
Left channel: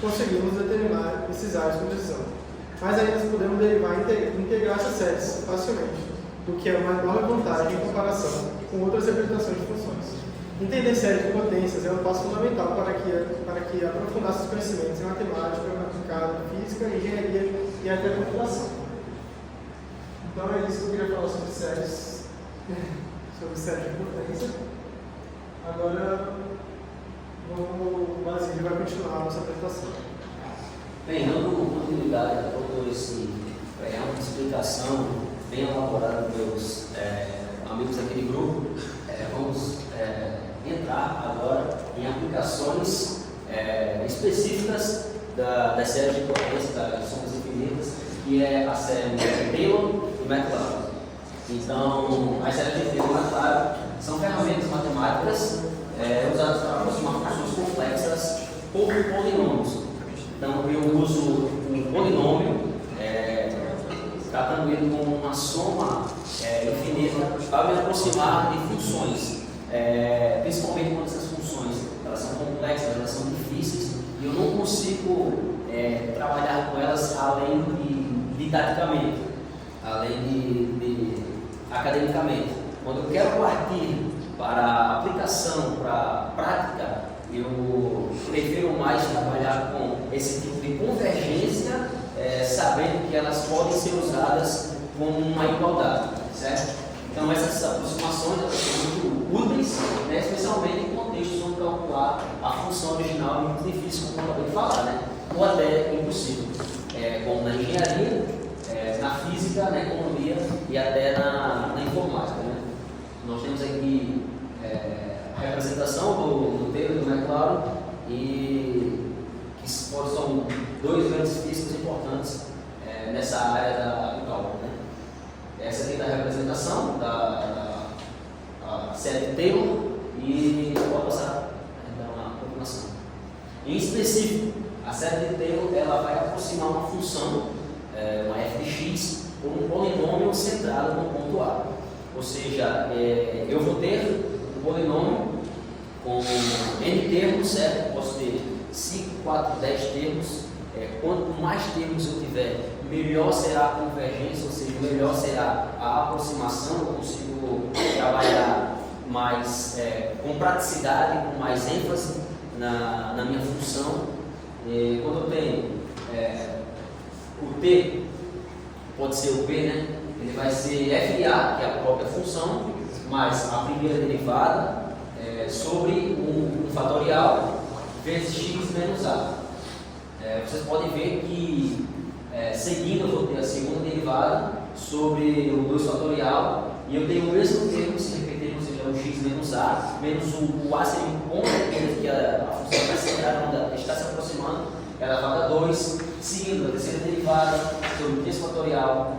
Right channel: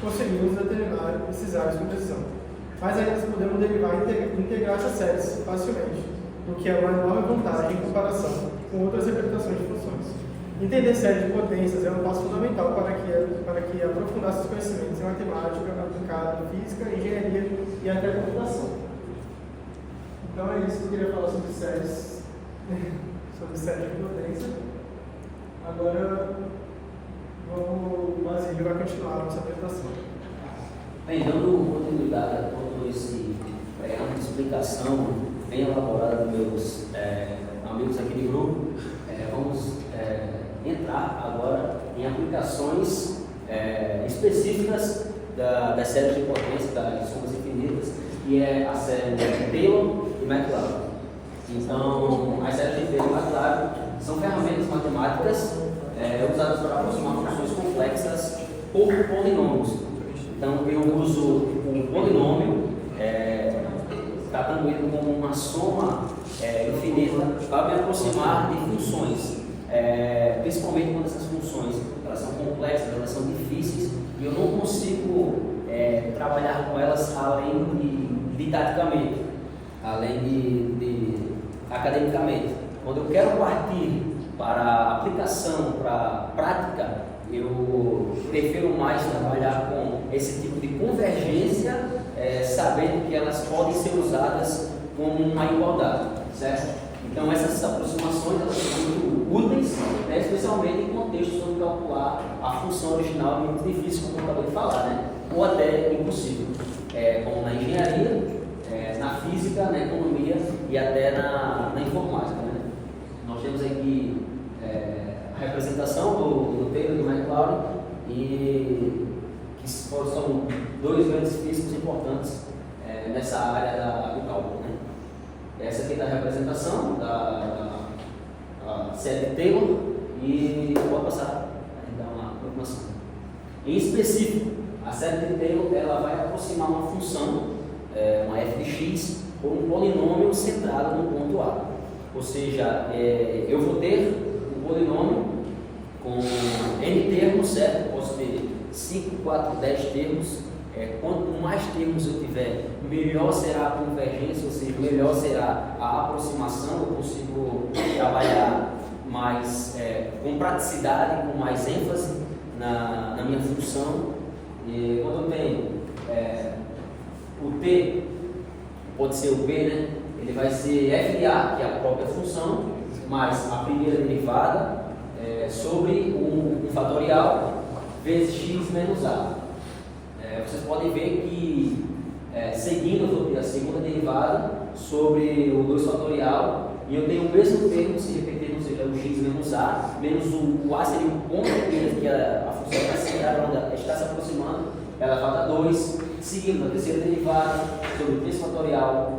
conseguimos determinar esses raios com precisão. Mas ainda podemos derivar e integrar essas séries facilmente, o que é uma enorme vantagem em comparação com outras representações de funções. Entender séries de potências é um passo fundamental para que aprofundar seus conhecimentos em matemática aplicada, física, engenharia e até computação. Então é isso que eu queria falar sobre séries de potência. Agora, o Basílio vai continuar a nossa apresentação. Bem, dando continuidade a toda essa preâmbulo, explicação bem elaborada dos meus amigos aqui de grupo, vamos entrar agora em aplicações específicas das séries de potência, das somas infinitas, que é a série de Taylor e McLaurin. Então, as séries de Taylor e McLaurin são ferramentas matemáticas usadas para aproximar funções complexas por polinômios. Então, eu uso um polinômio, tratando ele como uma soma infinita, para me aproximar de funções, principalmente quando essas funções elas são complexas, elas são difíceis, e eu não consigo trabalhar com elas além de didaticamente, além de academicamente. Quando eu quero partir para aplicação, para prática, eu prefiro mais trabalhar com esse tipo de convergência, sabendo que elas podem ser usadas como uma igualdade, certo? Então essas aproximações elas são muito úteis, né, especialmente em contextos onde calcular a função original é muito difícil, como eu acabei de falar, né? Ou até impossível, como na engenharia, na física, na economia e até na informática. Né? Nós temos aqui a representação do Taylor e do McLaurin, e que são dois grandes físicos importantes nessa área do cálculo. Né? Essa aqui é a representação da série de Taylor, e pode passar para dar uma aproximação. Em específico, a série de Taylor ela vai aproximar uma função, uma f de x, por um polinômio centrado no ponto A. Ou seja, eu vou ter um polinômio com n termos, certo? Eu posso ter 5, 4, 10 termos. Quanto mais termos eu tiver, melhor será a convergência, ou seja, melhor será a aproximação. Eu consigo trabalhar mais com praticidade, com mais ênfase na minha função. E quando eu tenho o t, pode ser o b, né? Ele vai ser FA, que é a própria função, mais a primeira derivada sobre um fatorial vezes x menos a. Vocês podem ver que seguindo eu vou ter a segunda derivada sobre o 2 fatorial, e eu tenho o mesmo termo se repetir, ou seja, o x menos a, menos o a seria um ponto que a função está centrada, está se aproximando, ela vai dar 2, seguindo a terceira derivada sobre o 3 fatorial,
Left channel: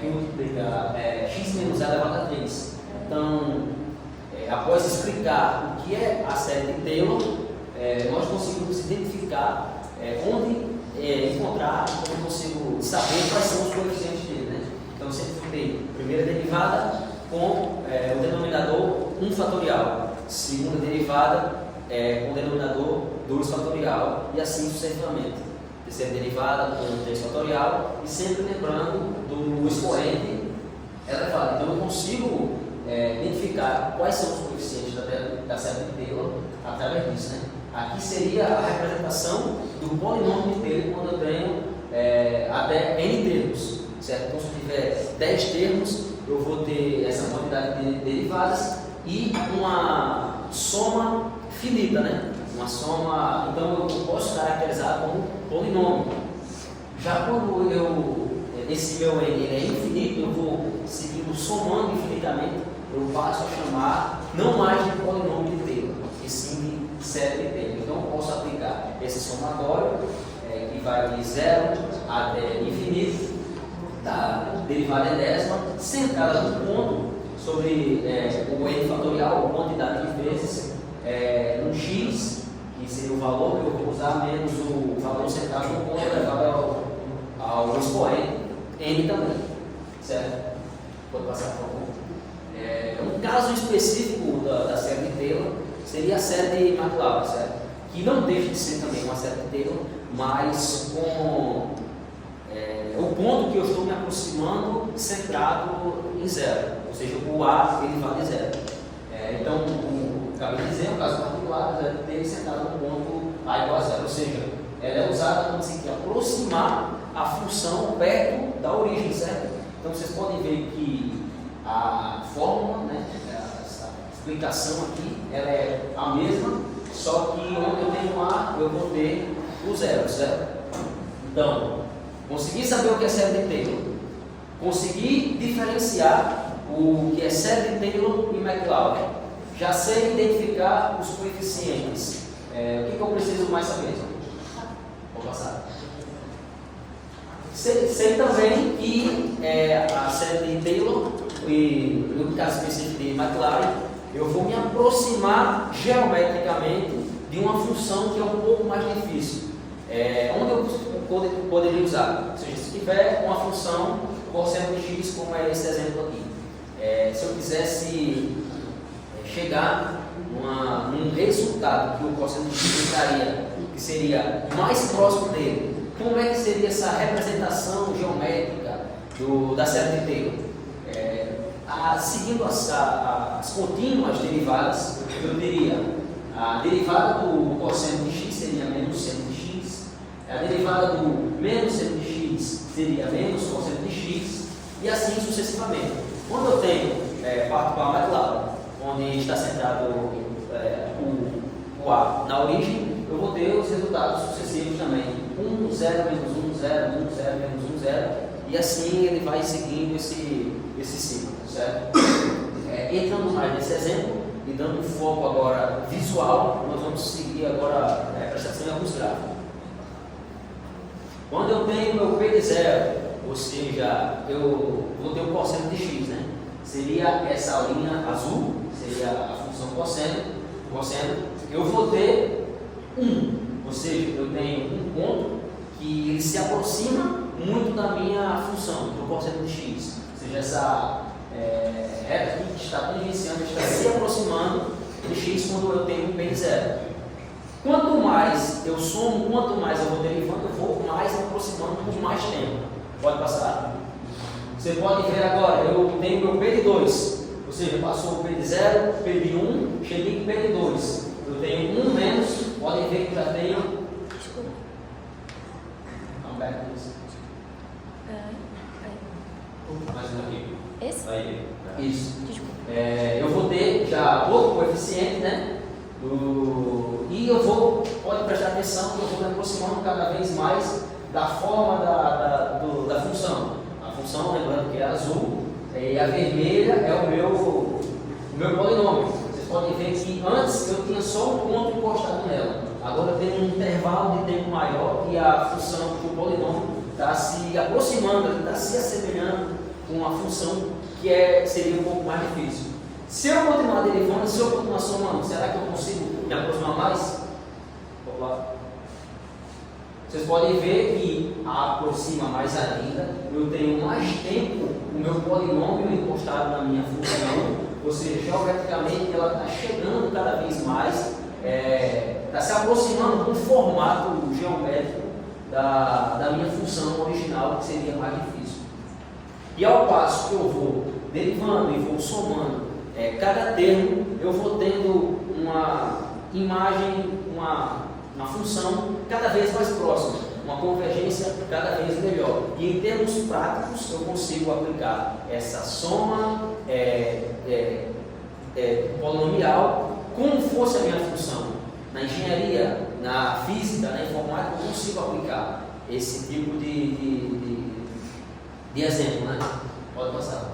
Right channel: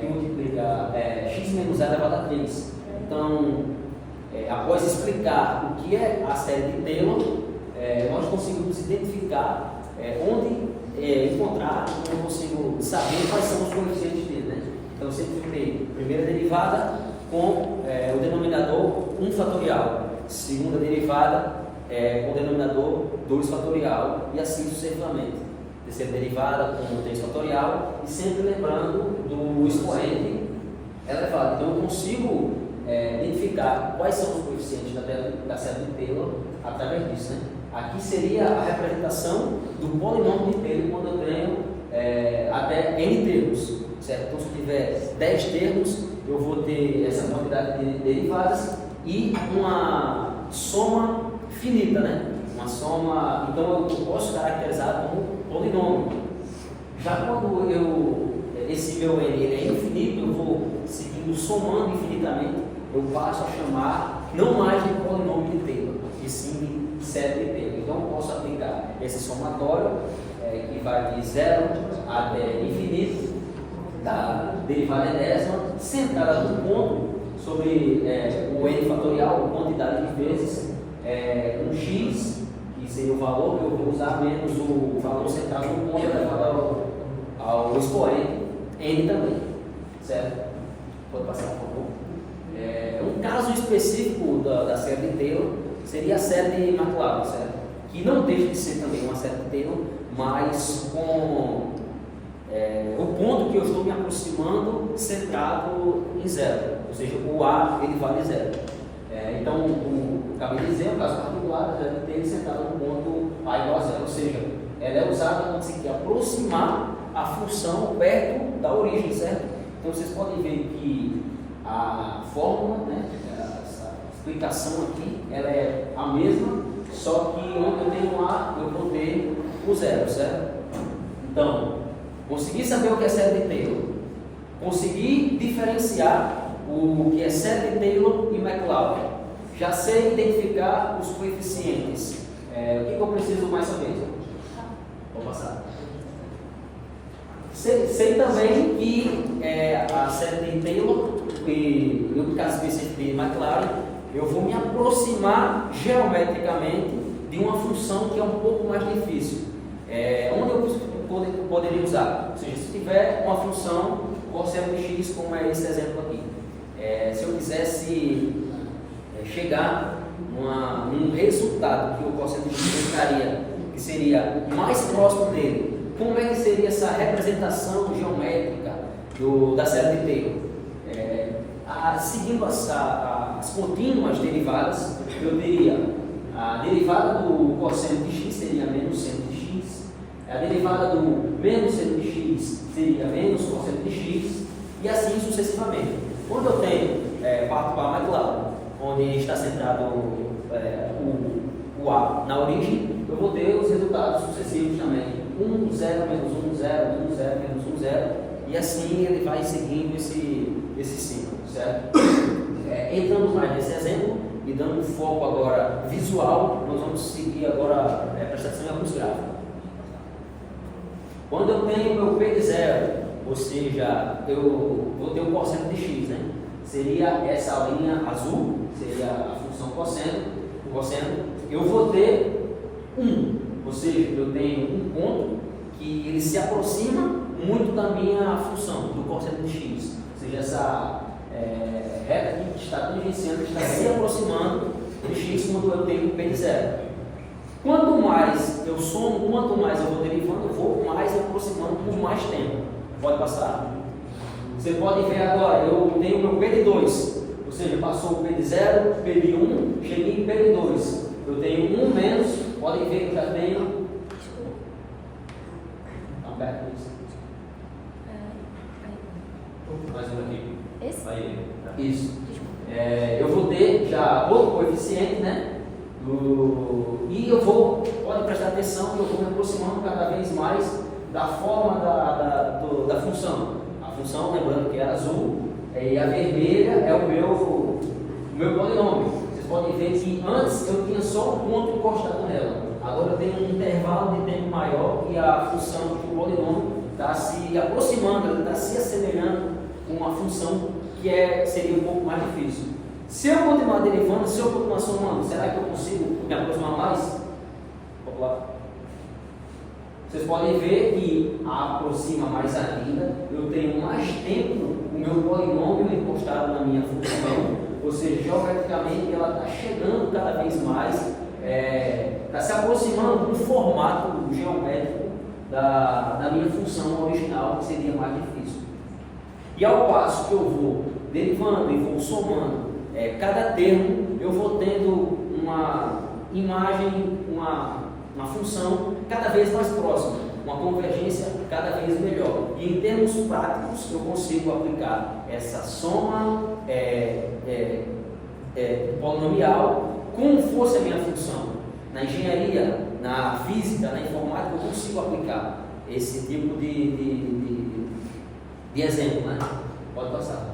que multiplica x menos a elevado a 3. Então, após explicar o que é a série de Taylor, nós conseguimos identificar onde encontrar, onde eu consigo saber quais são os coeficientes dele. Né? Então, eu sempre tem primeira derivada com o denominador 1 fatorial, segunda derivada com o denominador 2 fatorial, e assim sucessivamente. Terceira derivada com 3 fatorial, e sempre lembrando do expoente elevado. Então eu consigo identificar quais são os coeficientes da série de Taylor através disso, né? Aqui seria a representação do polinômio de Taylor quando eu tenho até n termos, certo? Então se eu tiver 10 termos, eu vou ter essa quantidade de derivadas e uma soma finita, né? Uma soma, então eu posso caracterizar como polinômio. Já quando esse meu n ele é infinito, eu vou seguindo somando infinitamente, eu passo a chamar não mais de polinômio de Taylor, e sim de série de Taylor. Então eu posso aplicar esse somatório que vai de 0 até infinito, da derivada enésima, centrada no ponto sobre o n fatorial, a quantidade de vezes, um x, que seria o valor que eu vou usar, menos o valor centrado no ponto elevado ao expoente n também, certo? Pode passar, por favor. Um caso específico da série de Taylor seria a série de McLaren, certo? Que não deixa de ser também uma série de Taylor, mas com o ponto que eu estou me aproximando centrado em zero, ou seja, o A ele vale zero. Então, acabei de dizer, o caso particular dele centrado no ponto A igual a zero, ou seja, ela é usada quando se quer aproximar a função perto da origem, certo? Então vocês podem ver que a fórmula, né, essa explicação aqui, ela é a mesma, só que onde eu tenho A, eu vou ter o zero, certo? Então, consegui saber o que é série de Taylor, consegui diferenciar o que é série de Taylor e McLaren, já sei identificar os coeficientes. O que eu preciso mais saber? Vou passar. Sei também que a série de Taylor, e no caso específico de McLaren, eu vou me aproximar geometricamente de uma função que é um pouco mais difícil. Onde eu poderia usar? Ou seja, se tiver uma função cosseno de x, como é esse exemplo aqui. Se eu quisesse chegar num resultado que o cosseno de x entraria, que seria mais próximo dele, como é que seria essa representação geométrica da série de Taylor? Seguindo as contínuas derivadas, eu teria a derivada do cosseno de x seria menos seno de x, a derivada do menos seno de x seria menos cosseno de x, e assim sucessivamente. Quando eu tenho, parto para a McLaren, onde está centrado o A na origem, eu vou ter os resultados sucessivos também. 1, 0, menos 1, 0, 1, 0, menos 1, 0, e assim ele vai seguindo esse ciclo, certo? Entrando mais nesse exemplo e dando um foco agora visual, nós vamos seguir agora a prestação em alguns gráficos. Quando eu tenho meu P de 0, ou seja, eu vou ter o cosseno de x, né? Seria essa linha azul, seria a função cosseno, eu vou ter 1, ou seja, eu tenho um ponto que ele se aproxima muito da minha função, do cosseno de x, ou seja, essa reta aqui que está tangenciando, está se aproximando de x quando eu tenho P de 0. Quanto mais eu somo, quanto mais eu vou derivando, eu vou mais me aproximando por mais tempo. Pode passar? Você pode ver agora, eu tenho meu P de 2, ou seja, passou o P de 0, P de 1, cheguei em P de 2. Eu tenho 1 menos, podem ver que eu já tenho. Mais um aqui. Esse? Aí. Isso. Eu vou ter já outro coeficiente, né? E eu vou, pode prestar atenção que eu vou me aproximando cada vez mais da forma da função. A função, lembrando que é azul, e a vermelha é o meu polinômio. Vocês podem ver que antes eu tinha só um ponto encostado nela. Agora eu tenho um intervalo de tempo maior e a função do polinômio está se aproximando, está se assemelhando com a função que seria um pouco mais difícil. Se eu continuar derivando, se eu continuar somando, será que eu consigo me aproximar mais? Vamos lá. Vocês podem ver que aproxima mais ainda, eu tenho mais tempo o meu polinômio encostado na minha função, ou seja, geometricamente ela está chegando cada vez mais, está se aproximando do formato geométrico da minha função original, que seria mais difícil. E ao passo que eu vou derivando e vou somando cada termo, eu vou tendo uma imagem, uma função cada vez mais próxima, uma convergência cada vez melhor. E em termos práticos, eu consigo aplicar essa soma polinomial como fosse a minha função. Na engenharia, na física, na informática, eu consigo aplicar esse tipo de exemplo, né? Pode passar.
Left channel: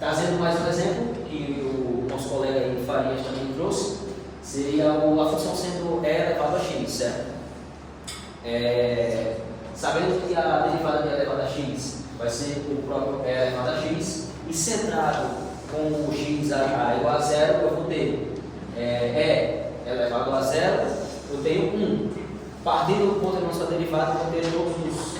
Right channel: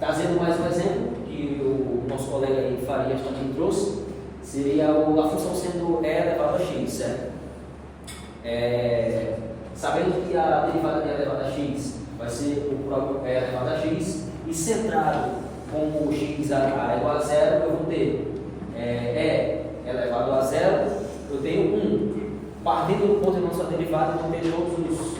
Trazendo mais um exemplo que o nosso colega aí, Farias, também trouxe, seria a função sendo E elevado a x, certo? Sabendo que a derivada de E elevado a x vai ser o próprio E elevado a x, e centrado com o x igual a zero, eu vou ter E elevado a zero, eu tenho 1. Partindo do ponto da nossa derivada, eu vou ter todos os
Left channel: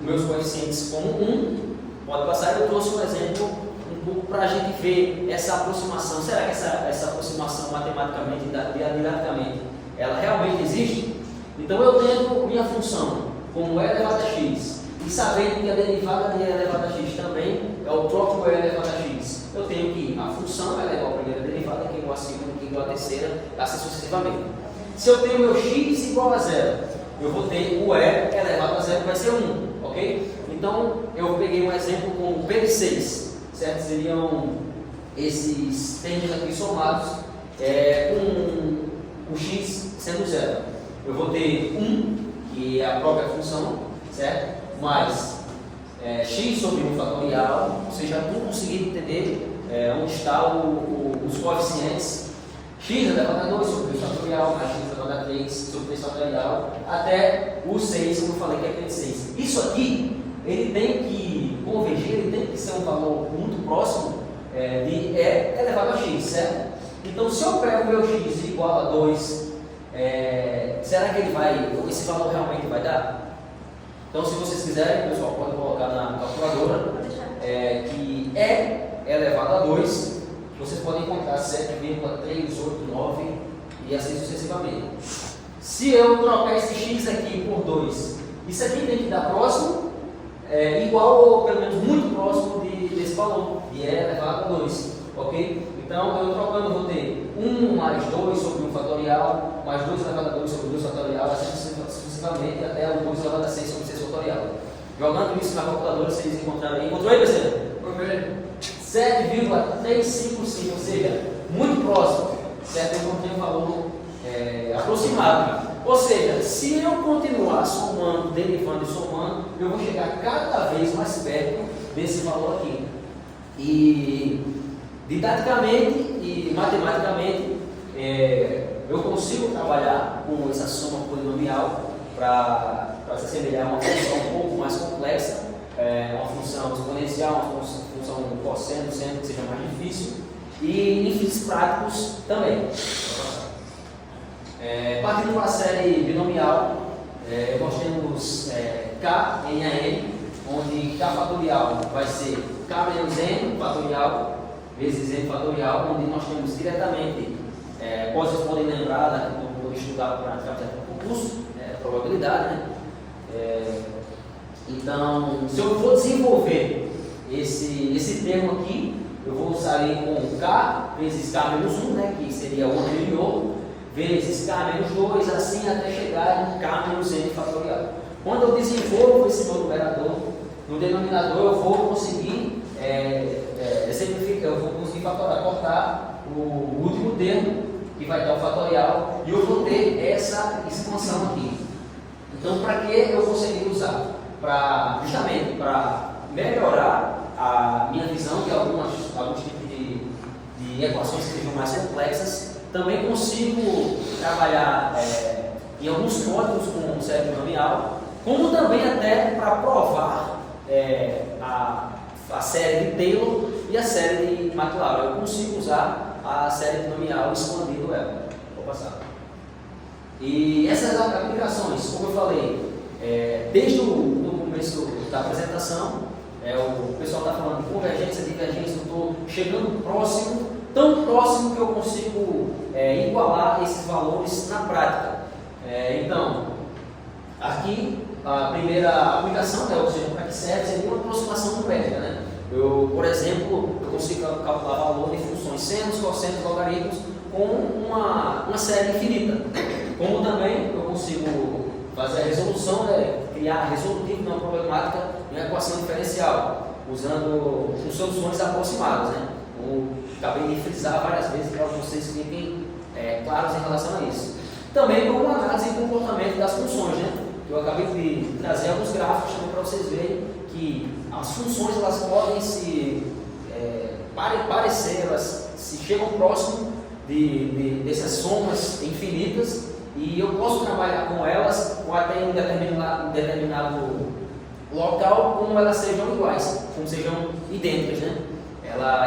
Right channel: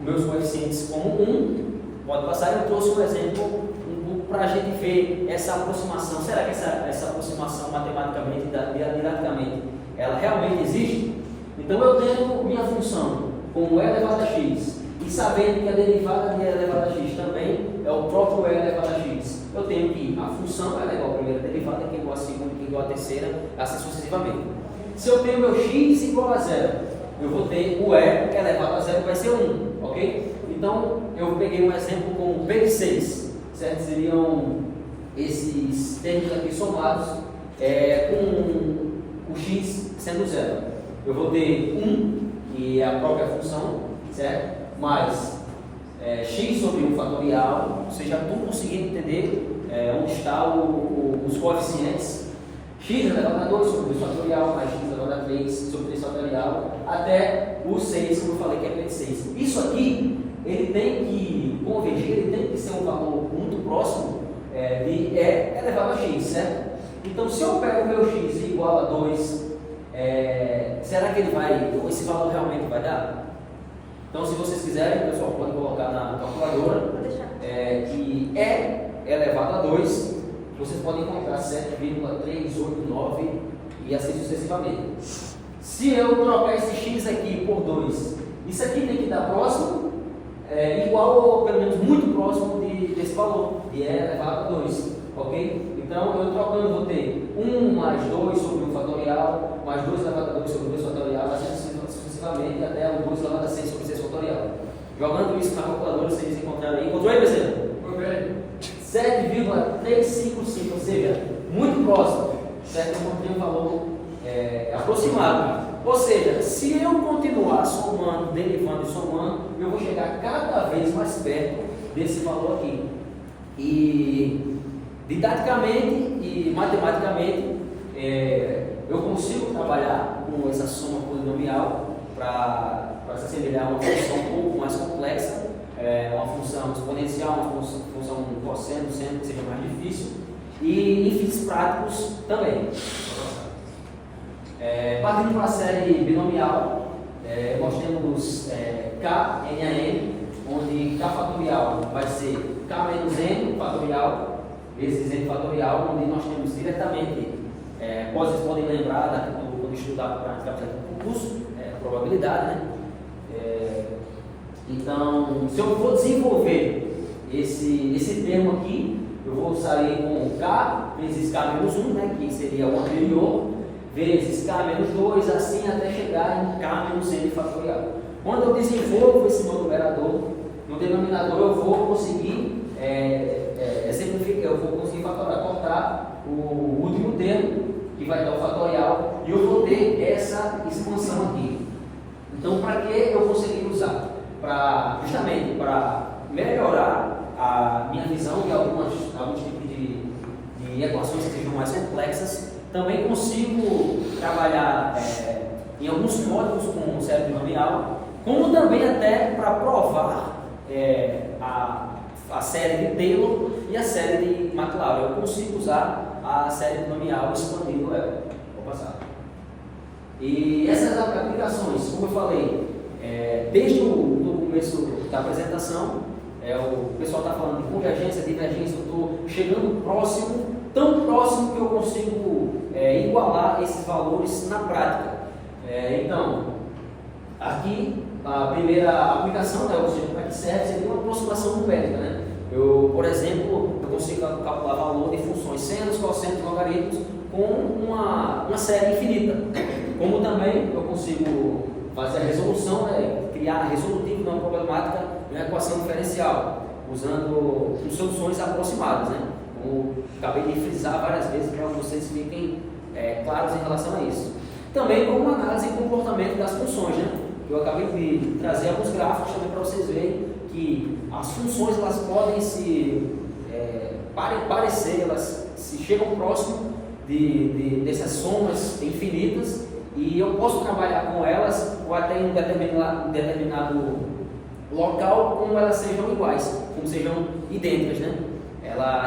meus coeficientes como 1. Pode passar. Eu trouxe um exemplo um pouco para a gente ver essa aproximação. Será que essa aproximação matematicamente, didaticamente, ela realmente existe? Então eu tenho minha função como E elevado a x, e sabendo que a derivada de E elevado a x também é o próprio E elevado a x, eu tenho que a função ela é igual à primeira derivada, que é igual à segunda, que é igual à terceira, assim sucessivamente. Se eu tenho meu x igual a zero, eu vou ter o E elevado a zero, que vai ser 1, ok? Então, eu peguei um exemplo com P de 6, certo? Seriam esses termos aqui somados com o x sendo zero. Eu vou ter 1, que é a própria função, certo? Mais x sobre 1 fatorial, vocês já estão conseguindo entender onde estão os coeficientes. X elevado a 2 sobre 2 fatorial, mais x elevado a 3 sobre 3 fatorial, até o 6, como eu falei, que é P de 6. Isso aqui, ele tem que convergir, ele tem que ser um valor muito próximo de E elevado a x, certo? Então, se eu pego o meu x igual a 2, será que esse valor realmente vai dar? Então, se vocês quiserem, pessoal, pode colocar na calculadora que E elevado a 2, vocês podem encontrar 7,389 e assim sucessivamente. Se eu trocar esse x aqui por 2, isso aqui tem que dar próximo, igual ou pelo menos muito próximo desse valor, de E elevado a 2, ok? Então, eu trocando, vou ter 1 mais 2 sobre 1 fatorial, mais 2 elevado a 2 sobre 2 fatorial, assim sucessivamente, até o 2 elevado a 6 sobre 6 fatorial. Jogando isso na calculadora, vocês encontraram aí. Encontrou aí, Bezerra? 7,355, ou seja, muito próximo, certo? Eu encontrei um valor aproximado. Ou seja, se eu continuar somando, derivando e somando, eu vou chegar cada vez mais perto desse valor aqui. E didaticamente e matematicamente, eu consigo trabalhar com essa soma polinomial para se assemelhar a uma função um pouco mais complexa, uma função exponencial, uma função cosseno, seno, que seja mais difícil, e em fins práticos também. Partindo para a série binomial, nós temos K, N a N, onde K fatorial vai ser K menos N fatorial vezes N fatorial, onde nós temos diretamente, vocês podem lembrar, quando estudar para ficar no concurso, probabilidade, né? Então, se eu for desenvolver esse termo aqui, eu vou sair com K vezes K menos 1, né, que seria o anterior, vezes K menos 2, assim até chegar em K menos N fatorial. Quando eu desenvolvo esse meu numerador, no denominador eu vou conseguir exemplificar, eu vou conseguir cortar o último termo, que vai dar o fatorial, e eu vou ter essa expansão aqui. Então, para que eu consegui usar? Justamente para melhorar a minha visão de alguns tipos de equações que sejam mais complexas. Também consigo trabalhar em alguns códigos com série binomial, como também até para provar a série de Taylor e a série de McLaren. Eu consigo usar a série binomial expandindo ela. Vou passar. E essas aplicações, como eu falei, desde o começo da apresentação, o pessoal está falando de convergência, divergência, eu estou chegando próximo, tão próximo que eu consigo igualar esses valores na prática. Então, aqui a primeira aplicação, ou seja, para que serve, seria uma aproximação aproximação numérica, né? Eu, por exemplo, eu consigo calcular valor de funções senos, cossenos, logaritmos com uma série infinita. Como também eu consigo fazer a resolução, né? Criar resolutivo de uma problemática de uma equação diferencial, usando soluções aproximadas, né? Como acabei de frisar várias vezes para vocês fiquem claros em relação a isso. Também com uma análise de comportamento das funções, né? Eu acabei de trazer alguns gráficos também para vocês verem que as funções elas podem se parecer, elas se chegam próximo dessas somas infinitas, e eu posso trabalhar com elas ou até em um determinado local como elas sejam iguais, como sejam idênticas, né?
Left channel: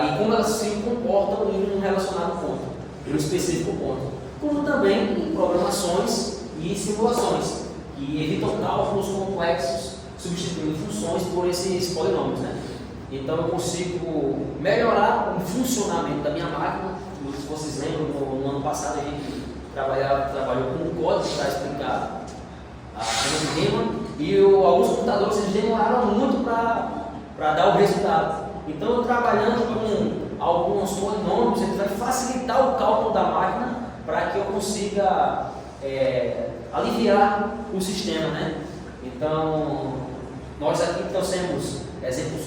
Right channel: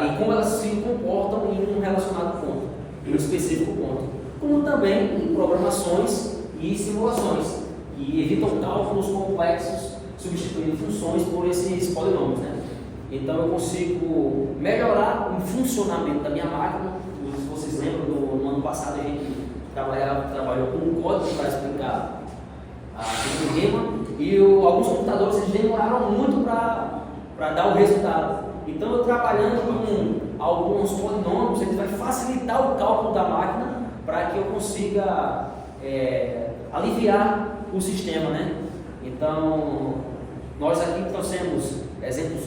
E como elas se comportam em um relacionado ponto, em um específico ponto. Como também em programações e simulações, que evitam cálculos complexos, substituindo funções por esses polinômios, né? Então eu consigo melhorar o funcionamento da minha máquina. Se vocês lembram, no ano passado a gente trabalhou com um código para explicar a teorema, e alguns computadores eles demoraram muito para dar o resultado. Então eu trabalhando com alguns polinômios, ele vai facilitar o cálculo da máquina para que eu consiga aliviar o sistema, né? Então, nós aqui trouxemos exemplos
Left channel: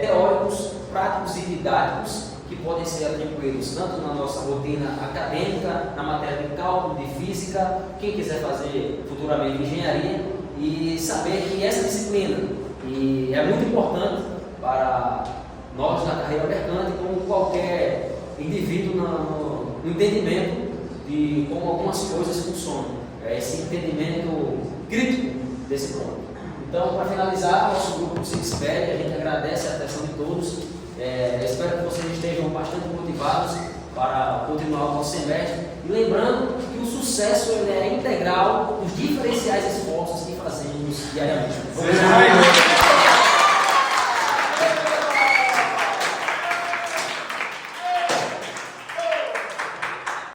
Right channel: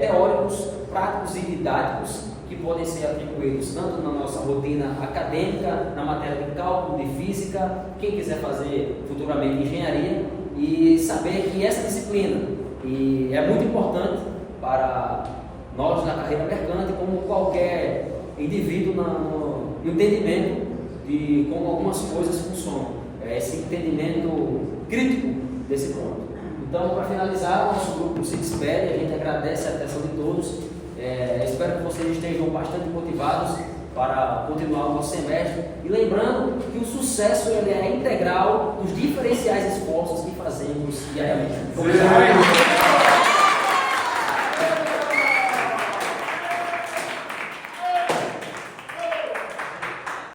teóricos, práticos e didáticos que podem ser atribuídos tanto na nossa rotina acadêmica, na matéria de cálculo, de física, quem quiser fazer futuramente engenharia, e saber que essa disciplina é muito importante para nós na carreira mercante, como qualquer indivíduo no entendimento de como algumas coisas funcionam. Esse entendimento crítico desse ponto. Então, para finalizar, nosso grupo se despede, a gente agradece a atenção de todos, espero que vocês estejam bastante motivados para continuar o nosso semestre, e lembrando que o sucesso ele é integral dos diferenciais esforços que fazemos diariamente.